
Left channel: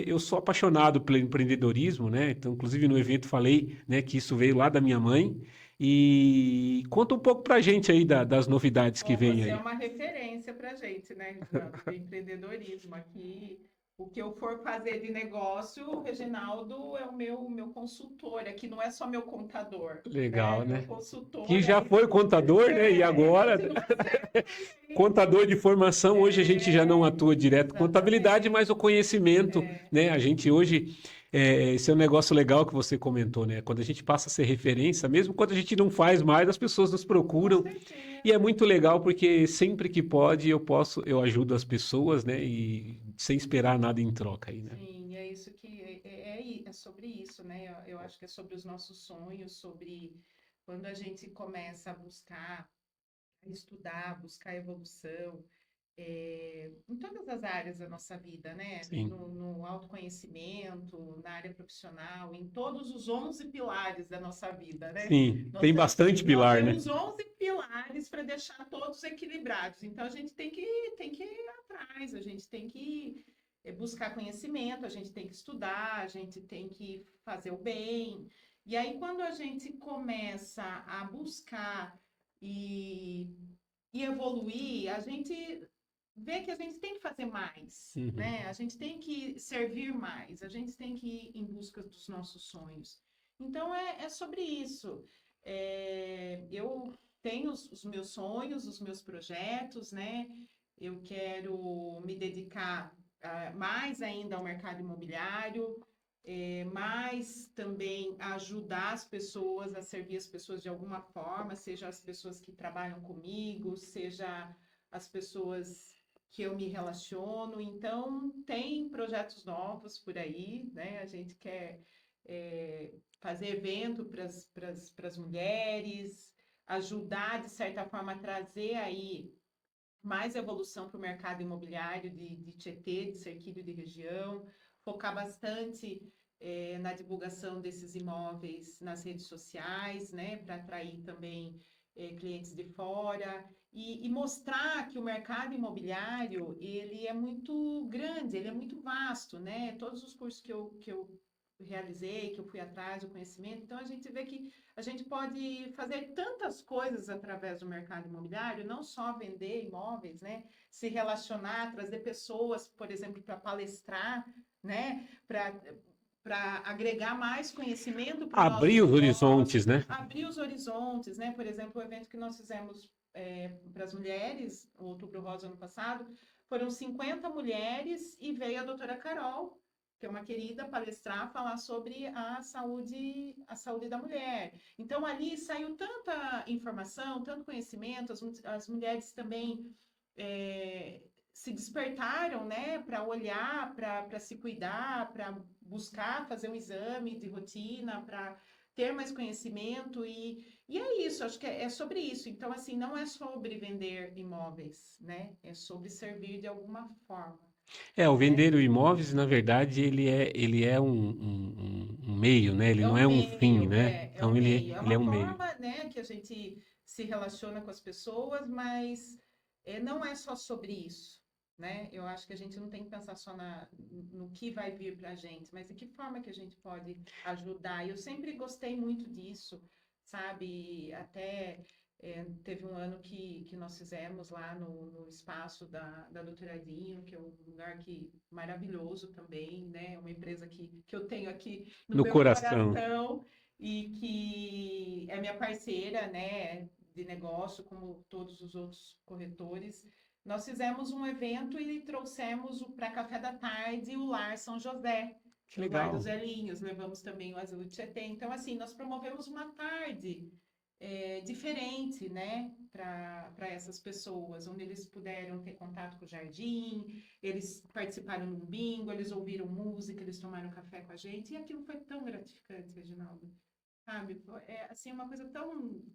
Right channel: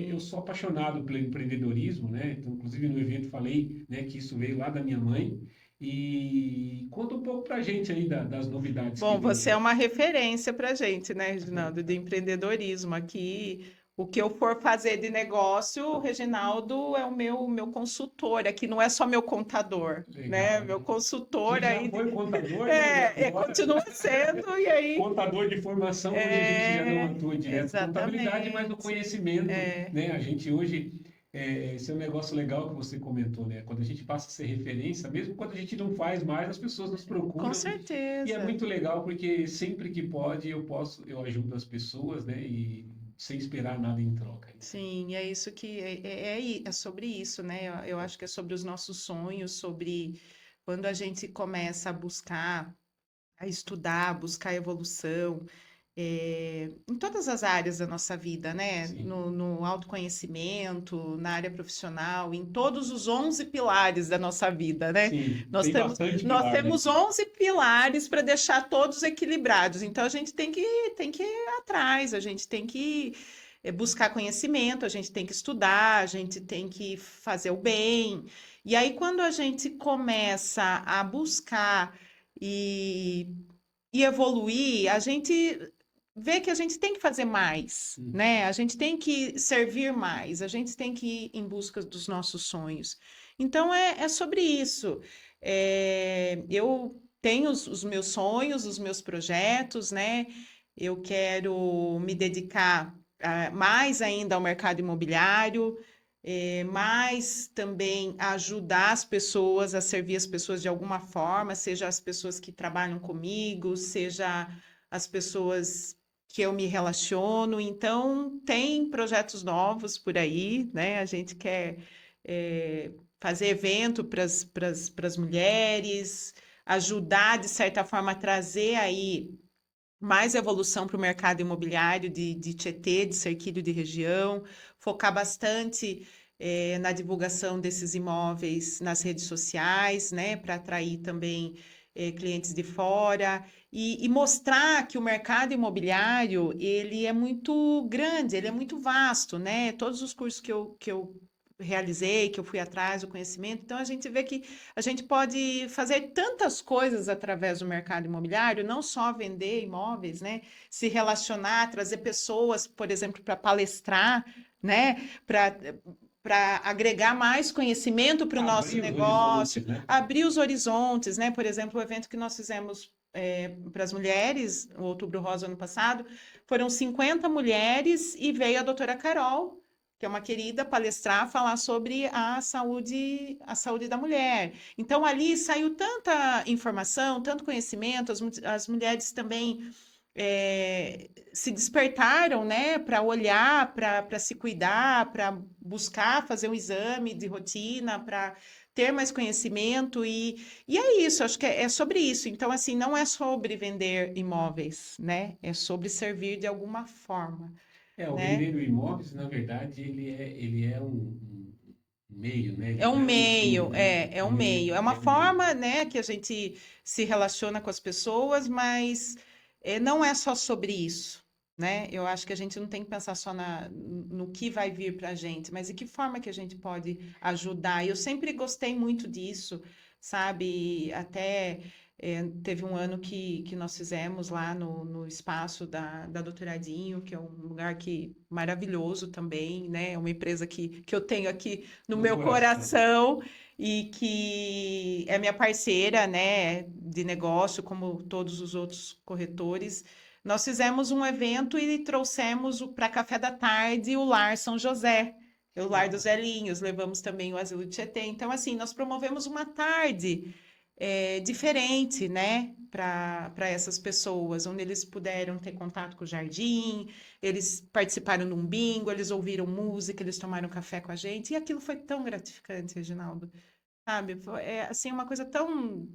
eu Sim. sou apaixonado pelo empreendedorismo, né? Então, inclusive no evento falei, né, que isso veio lá da minha mãe. E conta um pouco pra gente aí das novidades que Bom, vem você é aí. uma referência para a gente, né, Reginaldo, de empreendedorismo. Aqui, o que eu for fazer de negócio, o Reginaldo é o meu consultor. Aqui não é só meu contador, né? Legal, Meu né? consultor Que já aí foi contador, né? E agora, né? continua sendo, e aí Contador de formação, hoje a gente já não atua direto com contabilidade, mas o exatamente. conhecimento, É, né? A gente hoje, esse é um negócio legal que você comentou, né? Quando a gente passa a ser referência, mesmo quando a gente não faz mais, as pessoas nos com procuram. E é certeza. muito legal porque sempre que pode eu ajudo as pessoas, né? E sem esperar nada em troca aí, né? Sim, é isso que é sobre isso, né? Eu acho que é sobre os nossos sonhos, sobre quando a gente começa a buscar, a estudar, buscar evolução, em todas as áreas da nossa vida, né? Sim, No autoconhecimento, na área profissional, em todos os 11 pilares da nossa vida, né? sim, Nós tem temos, bastante nós pilar, né? temos 11 pilares para deixar todos equilibrados. Então, a gente tem que ir atrás, a gente tem que buscar conhecimento, a gente tem que estudar, a gente tem que fazer o bem. E aí, quando a gente começa a buscar e, e evoluir, a gente vê que a gente tem que fazer mais, Uhum. né? A gente tem que servir mais, a gente tem que ir em busca dos nossos sonhos. Então, é sobre isso. Eu tenho os meus sonhos, os meus projetos, né? Eu quero me dedicar mais ainda ao mercado imobiliário, mais também a ajudar as pessoas, a servir as pessoas de alguma forma, seja as pessoas que trabalham comigo, seja as pessoas que eu me relaciono. Então, tem projetos novos por aí, né? A gente quer fazer evento para as mulheres, ajudar, de certa forma, a trazer aí mais evolução para o mercado imobiliário de Tietê, de Cerquilho de região, focar bastante na divulgação desses imóveis nas redes sociais, né, para atrair também clientes de fora e mostrar que o mercado imobiliário ele é muito grande, ele é muito vasto, né? Todos os cursos que eu realizei, que eu fui atrás do conhecimento. Então, a gente vê que a gente pode fazer tantas coisas através do mercado imobiliário, não só vender imóveis, né? Se relacionar, trazer pessoas, por exemplo, para palestrar, né? Para agregar mais conhecimento para o nosso Abrir os negócio, horizontes, né? abrir os horizontes, né? Por exemplo, o evento que nós fizemos para as mulheres, o Outubro Rosa ano passado, foram 50 mulheres e veio a doutora Carol, que é uma querida, palestrar, falar sobre a saúde da mulher. Então, ali saiu tanta informação, tanto conhecimento, as mulheres também se despertaram, né, para olhar, para se cuidar, para buscar fazer um exame de rotina, para ter mais conhecimento e é isso, acho que é sobre isso. Então, assim, não é sobre vender imóveis, né? É sobre servir de alguma forma, O né? vender o imóveis, na verdade, ele é um meio, né? Ele É não um é um fim, meio, né? é um meio. É Ele uma é um meio. forma, né, que a gente se relaciona com as pessoas, mas não é só sobre isso, né? Eu acho que a gente não tem que pensar só no que vai vir para a gente, mas de que forma que a gente pode ajudar. Eu sempre gostei muito disso, sabe? Até teve um ano que nós fizemos lá no espaço da Doutoradinho, que é um lugar maravilhoso também, né? É uma empresa que eu tenho aqui no No meu coração. coração e que é minha parceira, né, de negócio, como todos os outros corretores. Nós fizemos um evento e trouxemos para café da tarde o Lar São José, que é o Lar dos Legal. Velhinhos, levamos também o Asilo de Tietê. Então, assim, nós promovemos uma tarde diferente, né, para essas pessoas, onde eles puderam ter contato com o jardim, eles participaram de um bingo, eles ouviram música, eles tomaram café com a gente, e aquilo foi tão gratificante, Reginaldo, sabe? Assim, uma coisa tão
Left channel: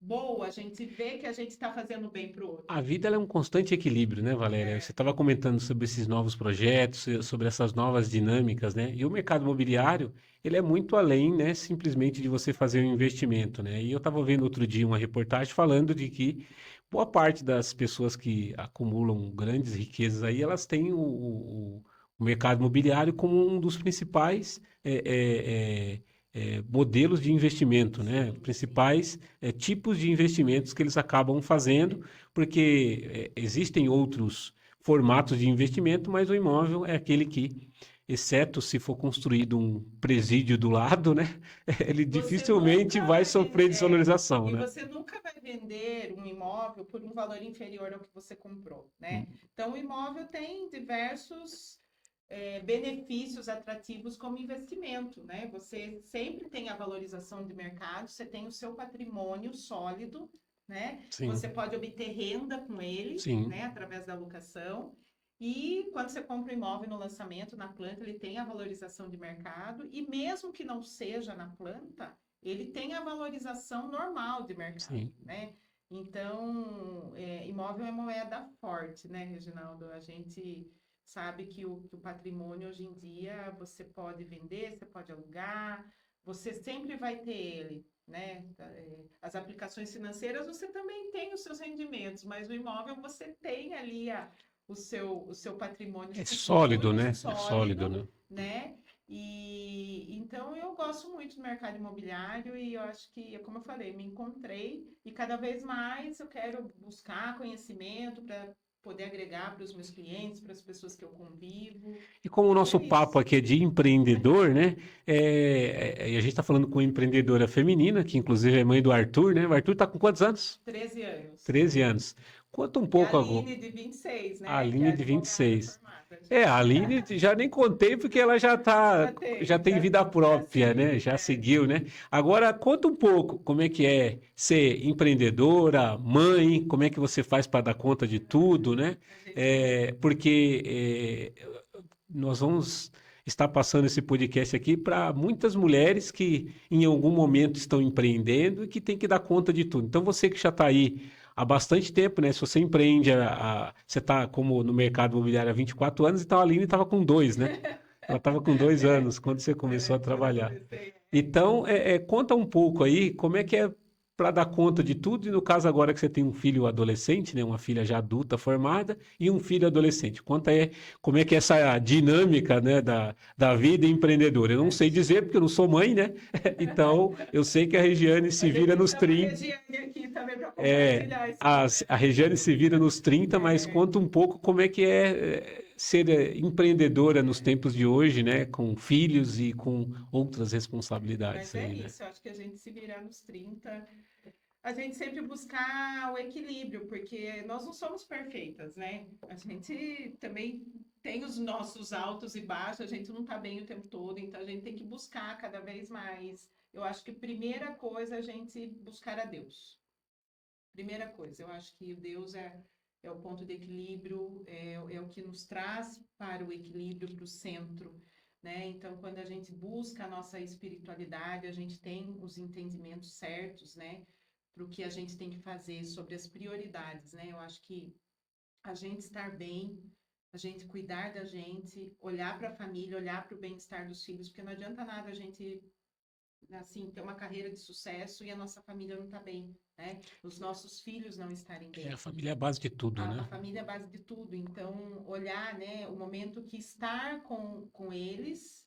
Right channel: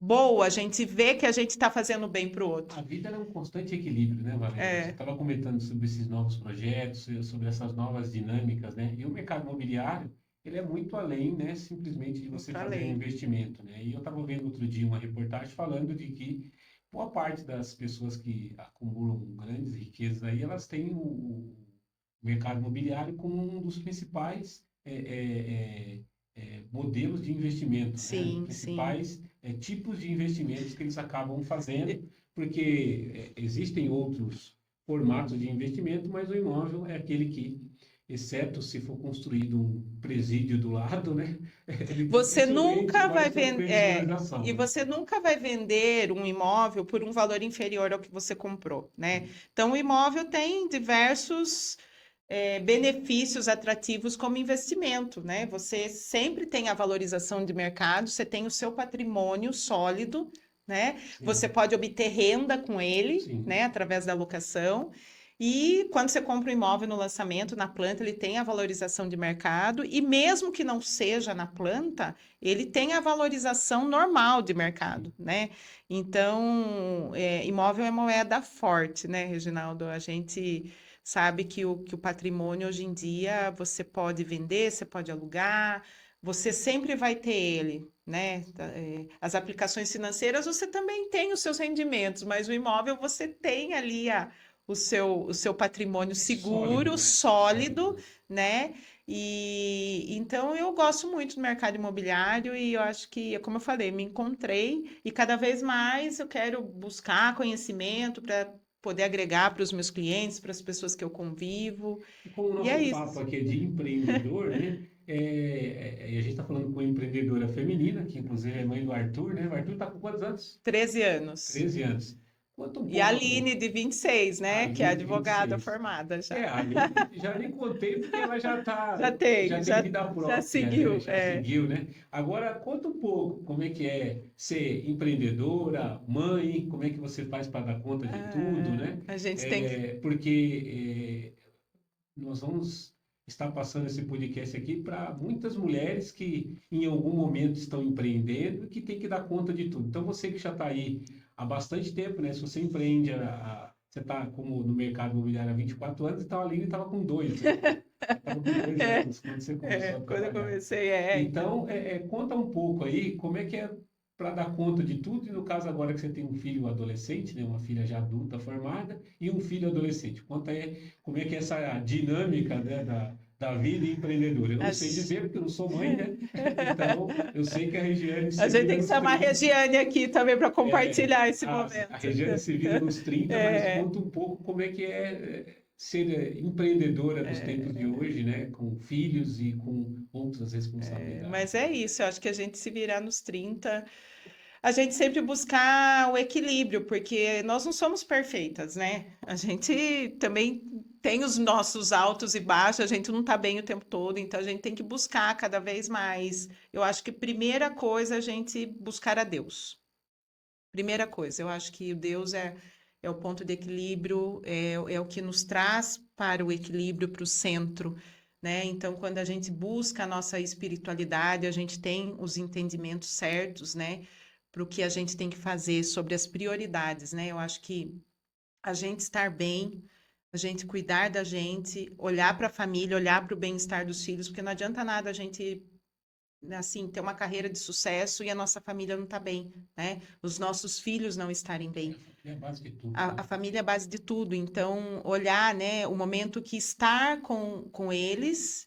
boa, a gente vê que a gente está fazendo bem para o A outro. vida ela é um constante equilíbrio, né, Valéria? Você É, estava comentando sobre esses novos projetos, sobre essas novas dinâmicas, né? E o mercado imobiliário, ele é muito além, né, simplesmente de você muito fazer um além. investimento, né? E eu estava vendo outro dia uma reportagem falando de que boa parte das pessoas que acumulam grandes riquezas aí, elas têm o mercado imobiliário como um dos principais modelos de investimento, né? Sim, sim. Principais tipos de investimentos que eles acabam fazendo, porque existem outros formatos de investimento, mas o imóvel é aquele que, exceto se for construído um presídio do lado, né? Ele Você dificilmente nunca vai vai sofrer vender, desvalorização, e né? você nunca vai vender um imóvel por um valor inferior ao que você comprou, né? Então, o imóvel tem diversos benefícios atrativos como investimento, né? Você sempre tem a valorização de mercado, você tem o seu patrimônio sólido, né? Sim, Você pode obter renda com ele, sim, né? Através da locação. E quando você compra um imóvel no lançamento, na planta, ele tem a valorização de mercado, e mesmo que não seja na planta, ele tem a valorização normal de sim. mercado, né? Então, imóvel é moeda forte, né, Reginaldo? A gente sabe que o patrimônio hoje em dia você pode vender, você pode alugar, você sempre vai ter ele, né? As aplicações financeiras você também tem os seus rendimentos, mas o imóvel você tem ali o seu patrimônio É sólido, seguro, né? É sólido, sólido, né? né? E então eu gosto muito do mercado imobiliário e eu acho que, como eu falei, me encontrei e cada vez mais eu quero buscar conhecimento para poder agregar para os meus clientes, para as pessoas que eu convivo. E como o E é nosso papo isso. aqui é de empreendedor, né? E a gente está falando com uma empreendedora feminina, que inclusive é mãe do Arthur, né? O Arthur está com quantos anos? 13 anos. 13 anos. Conta um E a pouco agora. Aline, de 26, A né? Que é Aline de advogada 26. formada já. A Aline já nem contei porque ela Já já tem, tem já, vida já própria, né? seguiu. Já seguiu, né? Agora conta um pouco como é que é ser empreendedora, mãe, como é que você faz para dar conta de tudo, né? A gente tem que. Porque nós vamos estar passando esse podcast aqui para muitas mulheres que em algum momento estão empreendendo e que tem que dar conta de tudo. Então você que já está aí há bastante tempo, né? Se você empreende, você está como no mercado imobiliário há 24 anos, então a Aline estava com dois, né? Ela estava com 2 anos quando você começou a Quando eu trabalhar. comecei, Então, conta um pouco aí como é que é para dar conta de tudo. E no caso agora que você tem um filho adolescente, né, uma filha já adulta formada e um filho adolescente. Como é que é essa dinâmica, né, da vida empreendedora? Eu não sei A dizer porque eu não sou mãe, né? Então eu sei que a Regiane a se gente vira tem que nos chamar a 30. Regiane aqui também para É, compartilhar esse a momento. Regiane se vira nos 30, mas É, conta um pouco como é que é ser empreendedora nos tempos de hoje, né? Com filhos e com outras responsabilidades, mas é né? isso, eu acho que a gente se virar nos 30, a gente sempre buscar o equilíbrio, porque nós não somos perfeitas, né? A gente também tem os nossos altos e baixos, a gente não tá bem o tempo todo, então a gente tem que buscar cada vez mais. Eu acho que primeira coisa é a gente buscar a Deus. Primeira coisa, eu acho que o Deus é o ponto de equilíbrio, é o que nos traz para o equilíbrio, para o centro, né? Então, quando a gente busca a nossa espiritualidade, a gente tem os entendimentos certos, né? Para o que a gente tem que fazer sobre as prioridades, né? Eu acho que a gente estar bem, a gente cuidar da gente, olhar para a família, olhar para o bem-estar dos filhos, porque não adianta nada a gente assim, ter uma carreira de sucesso e a nossa família não tá bem, né? Os nossos filhos não estarem É, bem. a família é a base de tudo, A né? família é a base de tudo. Então, olhar, né, o momento que estar com eles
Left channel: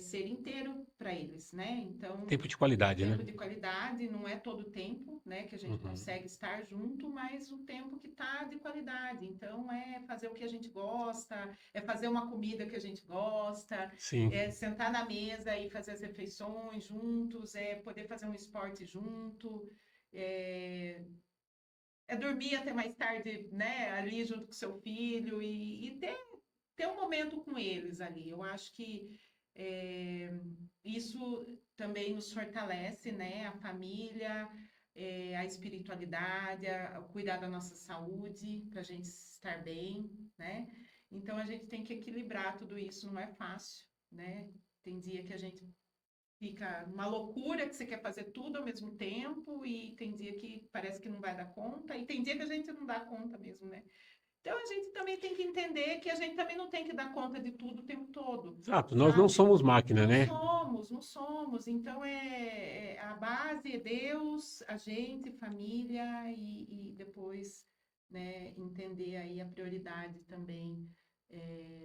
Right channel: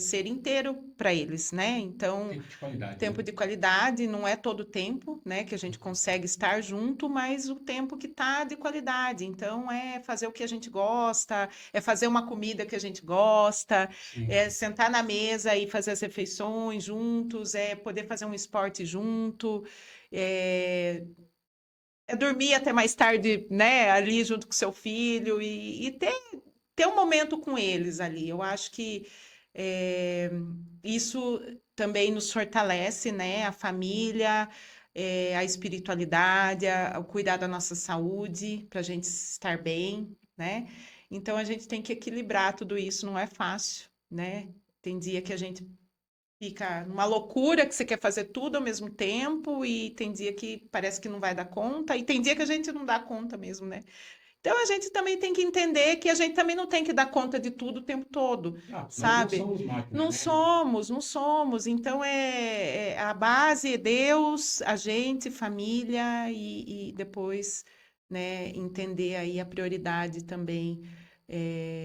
ser inteiro para eles, né? Então, Tempo de qualidade, né? tempo de qualidade não é todo o tempo, né, que a gente Uhum. consegue estar junto, mas o tempo que tá de qualidade. Então, é fazer o que a gente gosta, é fazer uma comida que a gente gosta, Sim. é sentar na mesa e fazer as refeições juntos, é poder fazer um esporte junto, é, é dormir até mais tarde, né, ali junto com seu filho e ter um momento com eles ali. Eu acho que isso também nos fortalece, né? A família, a espiritualidade, o cuidar da nossa saúde, para a gente estar bem, né? Então a gente tem que equilibrar tudo isso, não é fácil, né? Tem dia que a gente fica numa loucura que você quer fazer tudo ao mesmo tempo, e tem dia que parece que não vai dar conta, e tem dia que a gente não dá conta mesmo, né? Então a gente também tem que entender que a gente também não tem que dar conta de tudo o tempo todo, Exato, nós não sabe? somos máquina, Não né? somos, não somos. Então a base é Deus, a gente, família e depois, né, entender aí a prioridade também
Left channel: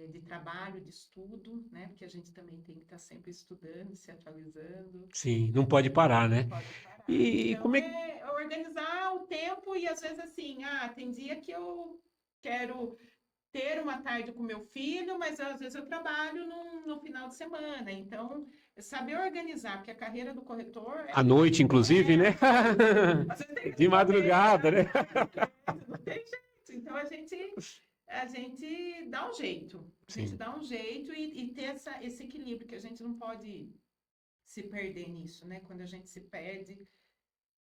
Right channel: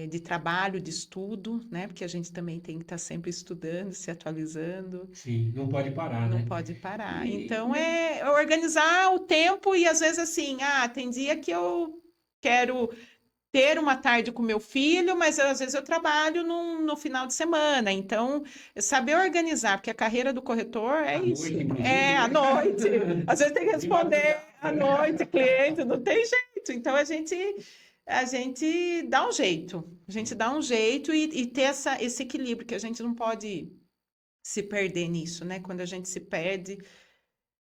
de trabalho, de estudo, né? Porque a gente também tem que estar sempre estudando, se atualizando. Sim, não pode parar, Não né? pode parar. E Então, como é que. é organizar o tempo e às vezes assim, tem dia que eu quero ter uma tarde com meu filho, mas às vezes eu trabalho no final de semana. Então, saber organizar, porque a carreira do corretor é À isso. noite, inclusive, É à né? noite. Às vezes tem que De responder madrugada, à né? noite, cliente, não tem jeito. Então, a gente dá um jeito. A gente Sim. dá um jeito e ter esse equilíbrio, que a gente não pode se perder nisso, né? Quando a gente se perde,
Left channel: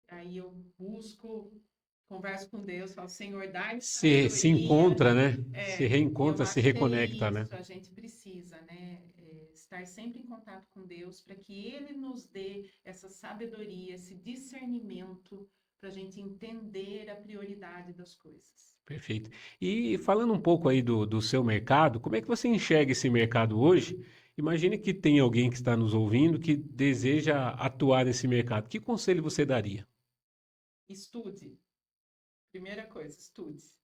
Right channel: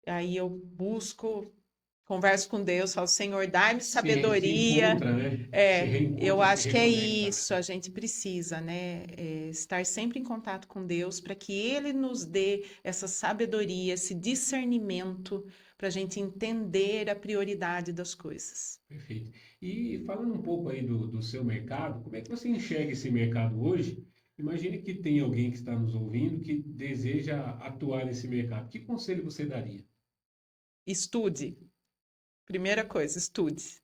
aí eu busco, converso com Deus, falo, Senhor, dai-me Se sabedoria. encontra, né? Se Eu reencontra, se acho que é reconecta, né? isso, a gente precisa, né? Estar sempre em contato com Deus para que Ele nos dê essa sabedoria, esse discernimento para a gente entender a prioridade das coisas. Perfeito. E falando um pouco aí do seu mercado, como é que você enxerga esse mercado hoje? Imagine que tem alguém que está nos ouvindo que deseja atuar nesse mercado. Que conselho você daria? Estude. Primeira coisa, estude.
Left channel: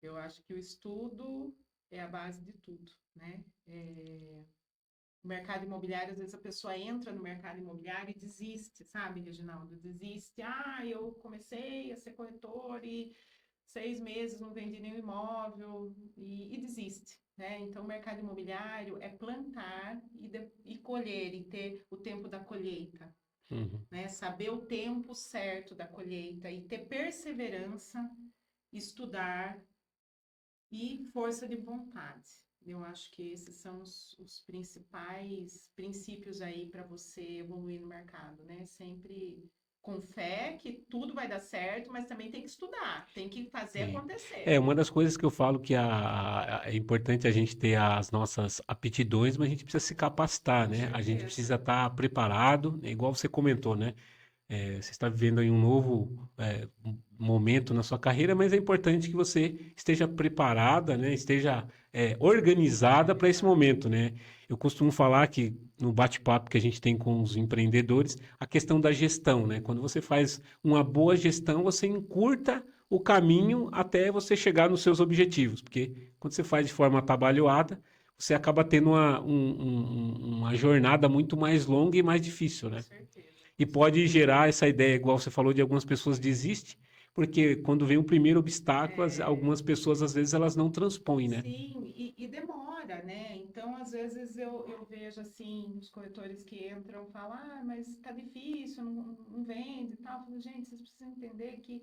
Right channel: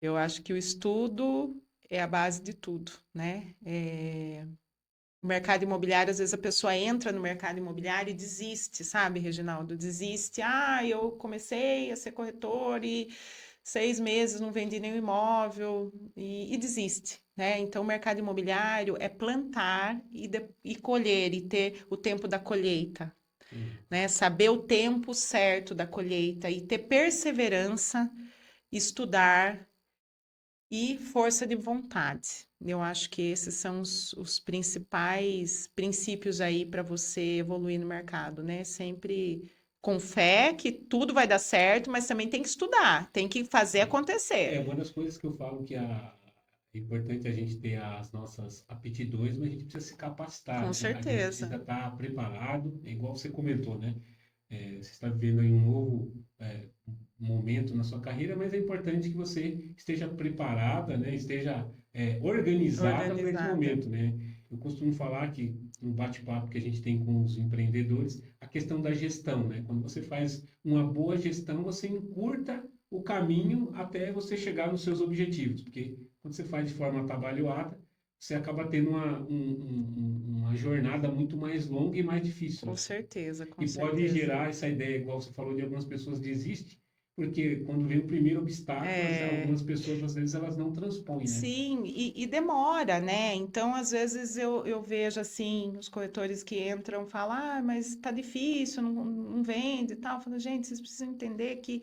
Eu acho que o estudo é a base de tudo, né? O mercado imobiliário, às vezes a pessoa entra no mercado imobiliário e desiste, sabe, Reginaldo? Desiste. Eu comecei a ser corretor e 6 meses não vendi nenhum imóvel e desiste, né? Então, o mercado imobiliário é plantar e colher e ter o tempo da colheita, Uhum. né? Saber o tempo certo da colheita e ter perseverança, estudar e força de vontade. Eu acho que esses são os principais princípios aí para você evoluir no mercado, né? Sempre com fé que tudo vai dar certo, mas também tem que estudar, tem que fazer Sim. É acontecer. uma das coisas que eu falo que é importante a gente ter as nossas aptidões, mas a gente precisa se capacitar, Com né? A gente certeza. precisa estar preparado, igual você comentou, né? Você está vivendo aí um novo momento na sua carreira, mas é importante que você esteja preparada, né? Esteja organizada para esse Organizada. momento, né? Eu costumo falar que no bate-papo que a gente tem com os empreendedores, a questão da gestão, né? Quando você faz uma boa gestão, você encurta o caminho até você chegar nos seus objetivos, porque quando você faz de forma atabalhoada, você acaba tendo uma jornada muito mais longa e mais difícil, Com né? certeza, E com pode certeza. gerar essa ideia, igual você falou, de algumas pessoas desistem, porque quando vem o primeiro obstáculo, É, algumas pessoas, às vezes, elas não transpõem, né? sim, e demora, né? Então, às vezes, eu vejo assim, os corretores que entram falam, ah, mas tá difícil, não vende e tal. Eu falo, gente, vocês precisam entender que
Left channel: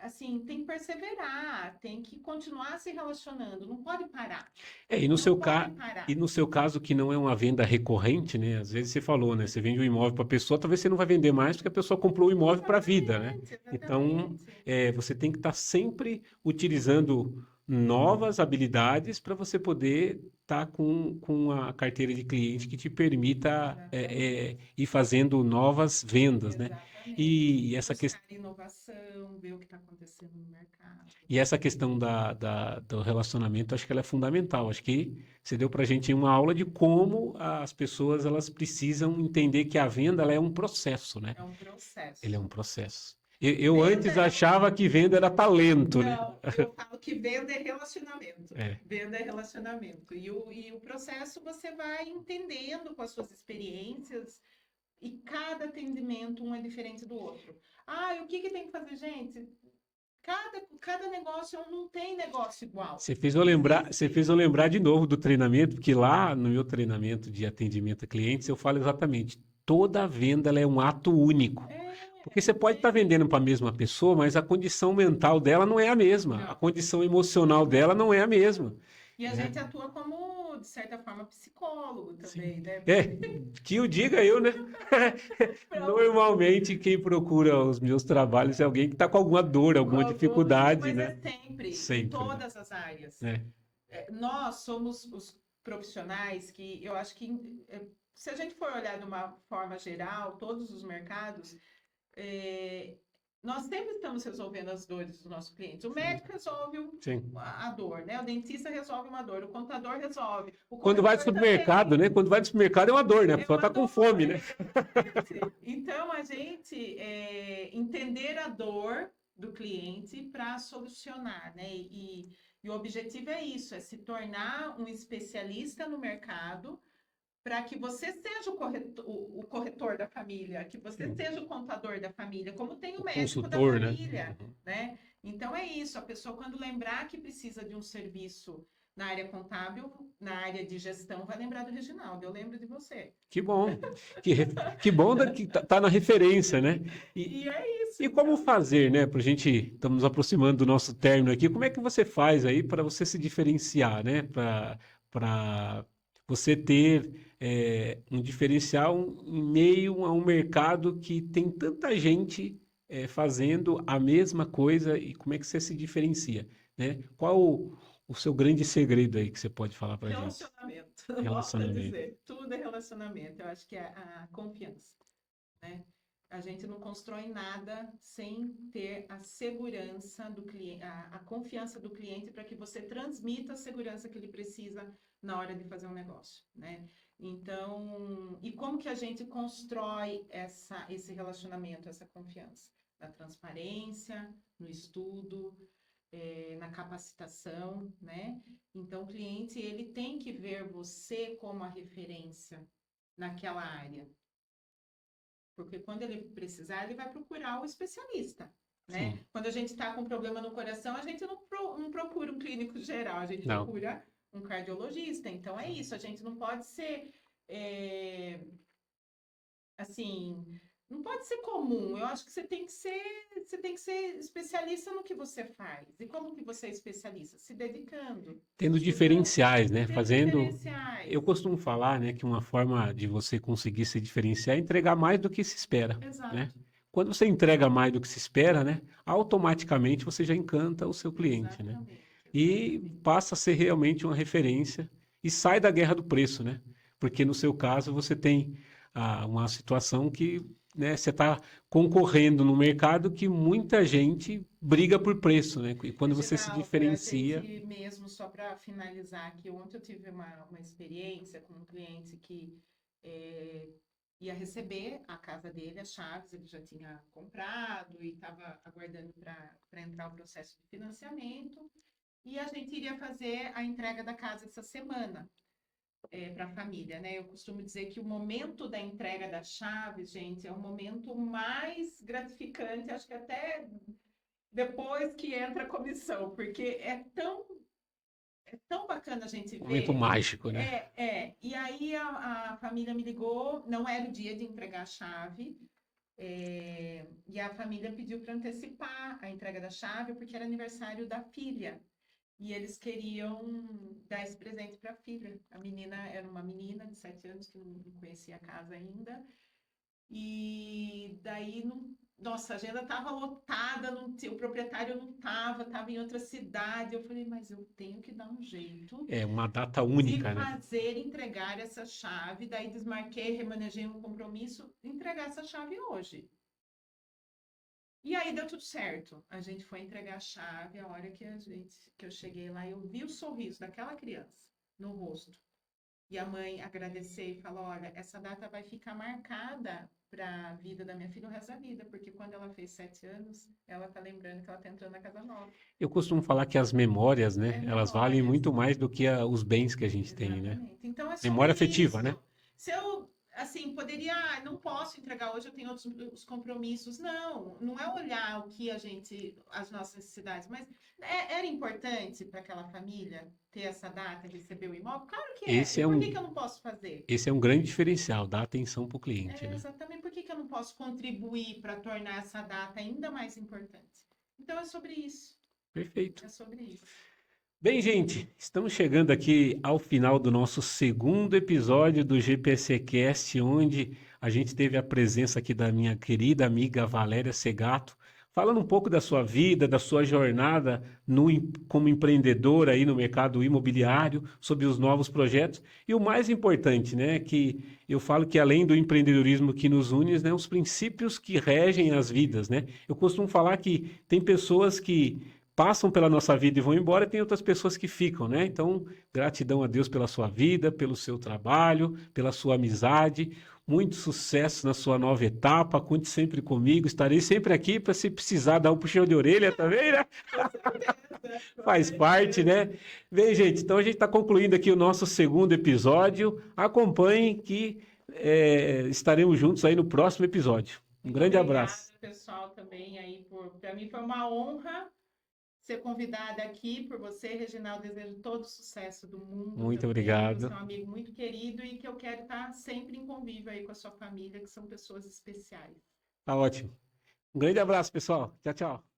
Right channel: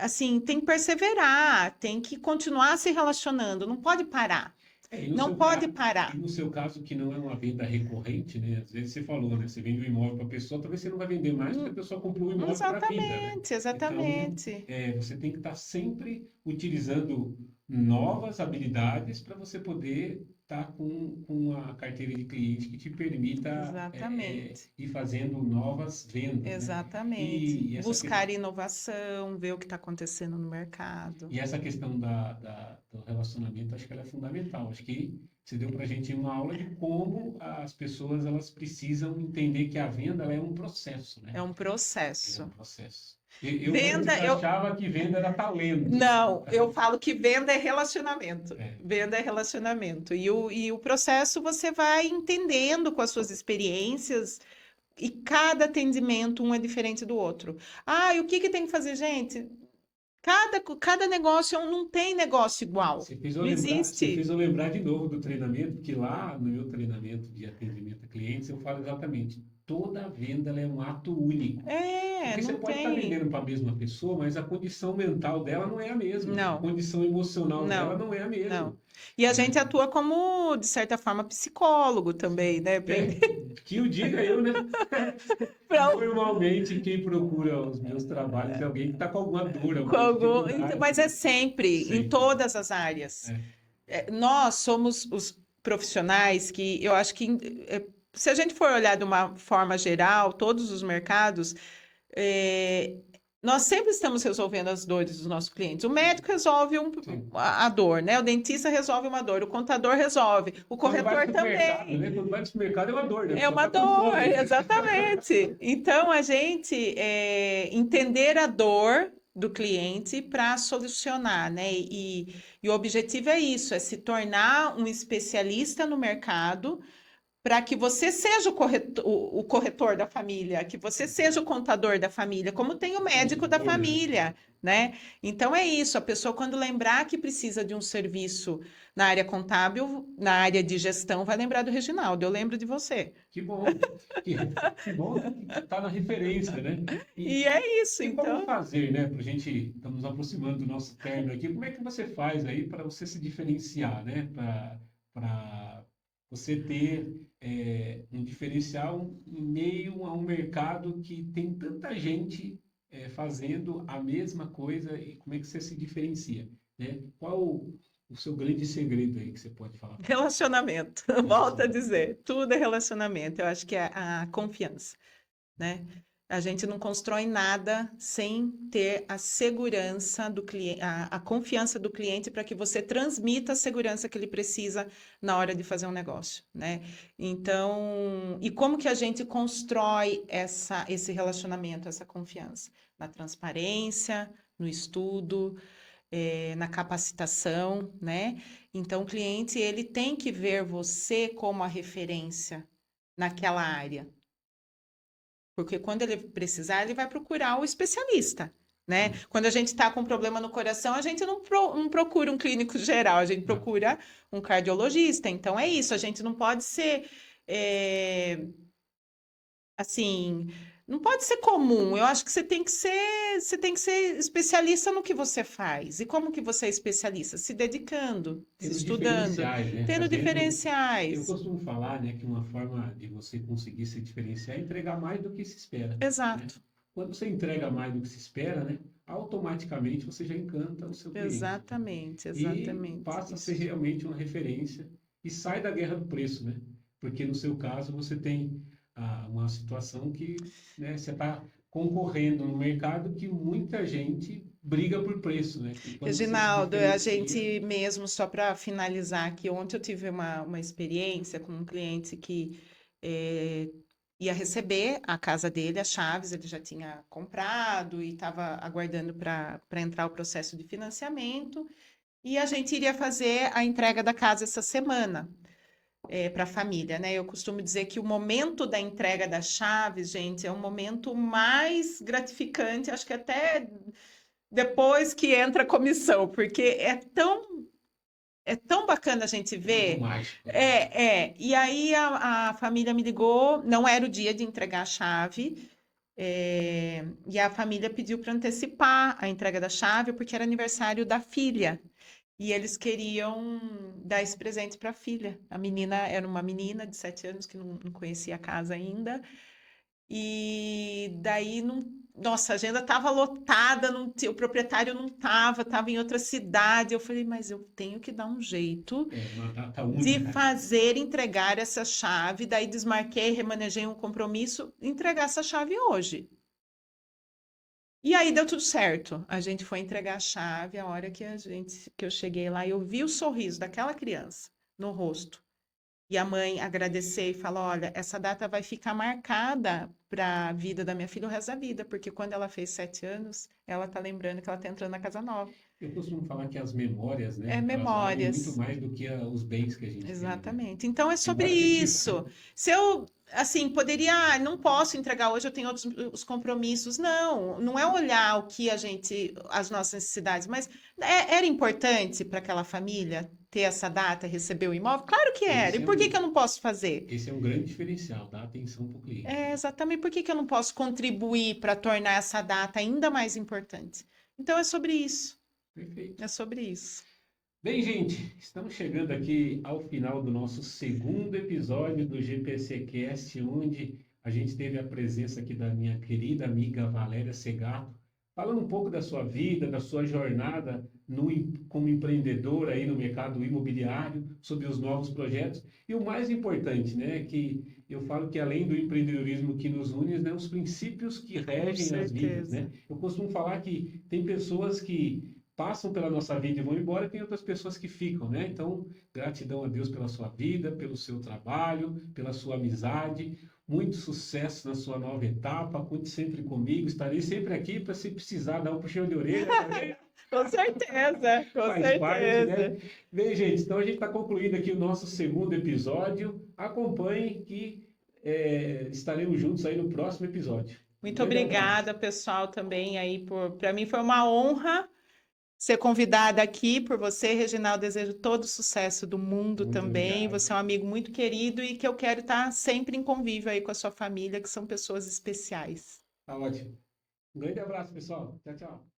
assim, tem que perseverar, tem que continuar se relacionando, não pode parar, É, não pode e parar. no seu caso, que não é uma venda recorrente, né? Às vezes você falou, né? Você vende um imóvel para a pessoa, talvez você não vai vender mais porque a Hum, pessoa comprou o imóvel para a vida, né? Exatamente, Então, exatamente. você tem que estar sempre utilizando novas habilidades para você poder estar com a carteira de cliente que te permita Exatamente. ir fazendo novas vendas, né? Exatamente. E essa questão. Buscar inovação, ver o que está acontecendo no mercado. E essa questão do relacionamento, acho que ela é fundamental. Acho que você deu para a gente uma aula de como as pessoas elas precisam entender que a venda ela é um processo, né? É um Ele é um processo. processo. Eu Venda, antes achava que venda era talento, né? não, eu falo que venda é relacionamento. É. Venda é relacionamento. E o processo você vai entendendo com as suas experiências. E cada atendimento, um é diferente do outro. Ah, e o que que tem que fazer, gente? Cada negócio não tem negócio igual. Não Você fez existe. eu lembrar de novo do treinamento, porque lá no meu treinamento de atendimento a clientes eu falo exatamente, toda venda ela é um ato único. Porque você Não pode estar tem. vendendo para a mesma pessoa, mas a condição mental dela não é a mesma. A Não, condição emocional dela não, não é a mesma, não. E a né? gente atua como, de certa forma, psicólogo Sim. também, né? É, que o diga eu, né? Pra- Normalmente quem procura os meus trabalhos é alguém que está com alguma dor, alguma dificuldade, Mas é né? sempre, em Sempre, todas as áreas. né? Nós somos os profissionais que eu acho que, se a gente for olhar de uma forma geral, todos os mercados, é, nós sempre estamos resolvendo as dores dos nossos clientes. O médico resolve Sim. a dor, né? O dentista resolve uma dor, o contador resolve, o Quando vai no corretor supermercado, também. né? Quando vai no supermercado é uma dor, né? A É pessoa uma está com dor, fome. exatamente. Então, a gente entender a dor do cliente para solucionar, né? E o objetivo é isso, é se tornar um especialista no mercado para que você seja o corretor da família, que você seja o contador da família, como tem o O médico da consultor, né? família, né? Então é isso, a pessoa quando lembrar que precisa de um serviço na área contábil, na área de gestão, vai lembrar do Reginaldo, eu lembro de você. Que bom. Que, que bom que tá na referência, né? E é isso, E como então. fazer, né? Para a gente, estamos nos aproximando do nosso término aqui. Como é que você faz aí para você se diferenciar, né? Para você ter um diferencial em meio a um mercado que tem tanta gente fazendo a mesma coisa e como é que você se diferencia, né? Qual o seu grande segredo aí que você pode falar para a gente? Relacionamento, volto a Relacionamento. dizer, tudo é relacionamento. Eu acho que é a confiança, né? A gente não constrói nada sem ter a segurança do cliente, a confiança do cliente para que você transmita a segurança que ele precisa na hora de fazer um negócio, né? Então, e como que a gente constrói esse relacionamento, essa confiança? Na transparência, no estudo, na capacitação, né? Então, o cliente ele tem que ver você como a referência naquela área. Porque quando ele precisar, ele vai procurar o especialista, né? Sim. Quando a gente está com problema no coração, a gente não procura um clínico geral, a gente Não. procura um cardiologista. Então, é isso, a gente não pode ser, é, assim, não pode ser comum. Eu acho que você tem que ser especialista no que você faz. E como que você é especialista? Se dedicando, se Tendo estudando, diferenciais, né? tendo Fazendo. Eu diferenciais. costumo falar, né, que uma forma de você conseguir se diferenciar é entregar mais do que se espera, né? Exato, Quando você entrega mais do que se espera, né, automaticamente você já encanta o seu cliente, né? exatamente, E exatamente. passa a ser realmente uma referência e sai da guerra do preço, né? Porque no seu caso você tem uma situação que, né, você está concorrendo no mercado que muita gente briga por preço, né? E quando você se Reginaldo, a diferencia, gente mesmo, só para finalizar aqui, ontem eu tive uma experiência com um cliente que eh, ia receber a casa dele, as chaves, ele já tinha comprado e estava aguardando para entrar o processo de financiamento, e a gente iria fazer a entrega da casa essa semana. Para a família, né? Eu costumo dizer que o momento da entrega das chaves, gente, é o momento mais gratificante, acho que até depois que entra a comissão, porque é tão bacana a gente momento ver. mágico, né? E aí a família me ligou, não era o dia de entregar a chave, e a família pediu para antecipar a entrega da chave, porque era aniversário da filha. E eles queriam dar esse presente para a filha. A menina era uma menina de 7 anos que não conhecia a casa ainda. E daí, não, nossa, a agenda estava lotada, o proprietário não estava em outra cidade. Eu falei, mas eu tenho que dar um jeito É uma data de única, né? fazer entregar essa chave. Daí desmarquei, remanejei um compromisso, entregar essa chave hoje. E aí deu tudo certo. A gente foi entregar a chave, a hora que eu cheguei lá, eu vi o sorriso daquela criança no rosto. E a mãe agradecer e falar: olha, essa data vai ficar marcada para a vida da minha filha o resto da vida, porque quando ela fez 7 anos, ela tá lembrando que ela tá entrando na casa nova. Eu costumo falar que as memórias, É né, elas valem muito memórias. mais do que os bens que a gente tem, né? Exatamente. Então é sobre Memória afetiva, né? isso. Se eu, assim, poderia, não posso entregar hoje, eu tenho outros os compromissos. Não, não é olhar o que a gente, as nossas necessidades, mas era importante para aquela família ter essa data, receber o imóvel? Claro que era. E Esse é por que um, que eu não posso fazer? esse é um grande diferencial, dar atenção para o cliente, É, né? exatamente. Por que que eu não posso contribuir para tornar essa data ainda mais importante? Então é sobre isso. Perfeito. É sobre isso. Bem, gente, estamos chegando aqui ao final do nosso segundo episódio do GPC Cast, onde a gente teve a presença aqui da minha querida amiga Valéria Segato, falando um pouco da sua vida, da sua jornada como empreendedora aí no mercado imobiliário, sobre os novos projetos e o mais importante, né, que eu falo que além do empreendedorismo que nos une, né, os princípios que Com regem as vidas, né? certeza. Eu costumo falar que tem pessoas que passam pela nossa vida e vão embora, e tem outras pessoas que ficam, né? Então, gratidão a Deus pela sua vida, pelo seu trabalho, pela sua amizade. Muito sucesso na sua nova etapa. Conte sempre comigo. Estarei sempre aqui para se precisar dar um puxão de orelha também, né? Com certeza, com Faz parte, né? certeza. Bem, gente, então a gente está concluindo aqui o nosso segundo episódio. Acompanhem que estaremos juntos aí no próximo episódio. Um Muito grande abraço. obrigada, pessoal, também aí para mim foi uma honra ser convidada aqui por você, Reginaldo. Desejo todo o sucesso do mundo Muito também. Você obrigado. é um amigo muito querido e que eu quero estar sempre em convívio aí com a sua família, que são pessoas especiais. Tá ótimo. Um grande abraço, pessoal. Tchau, tchau.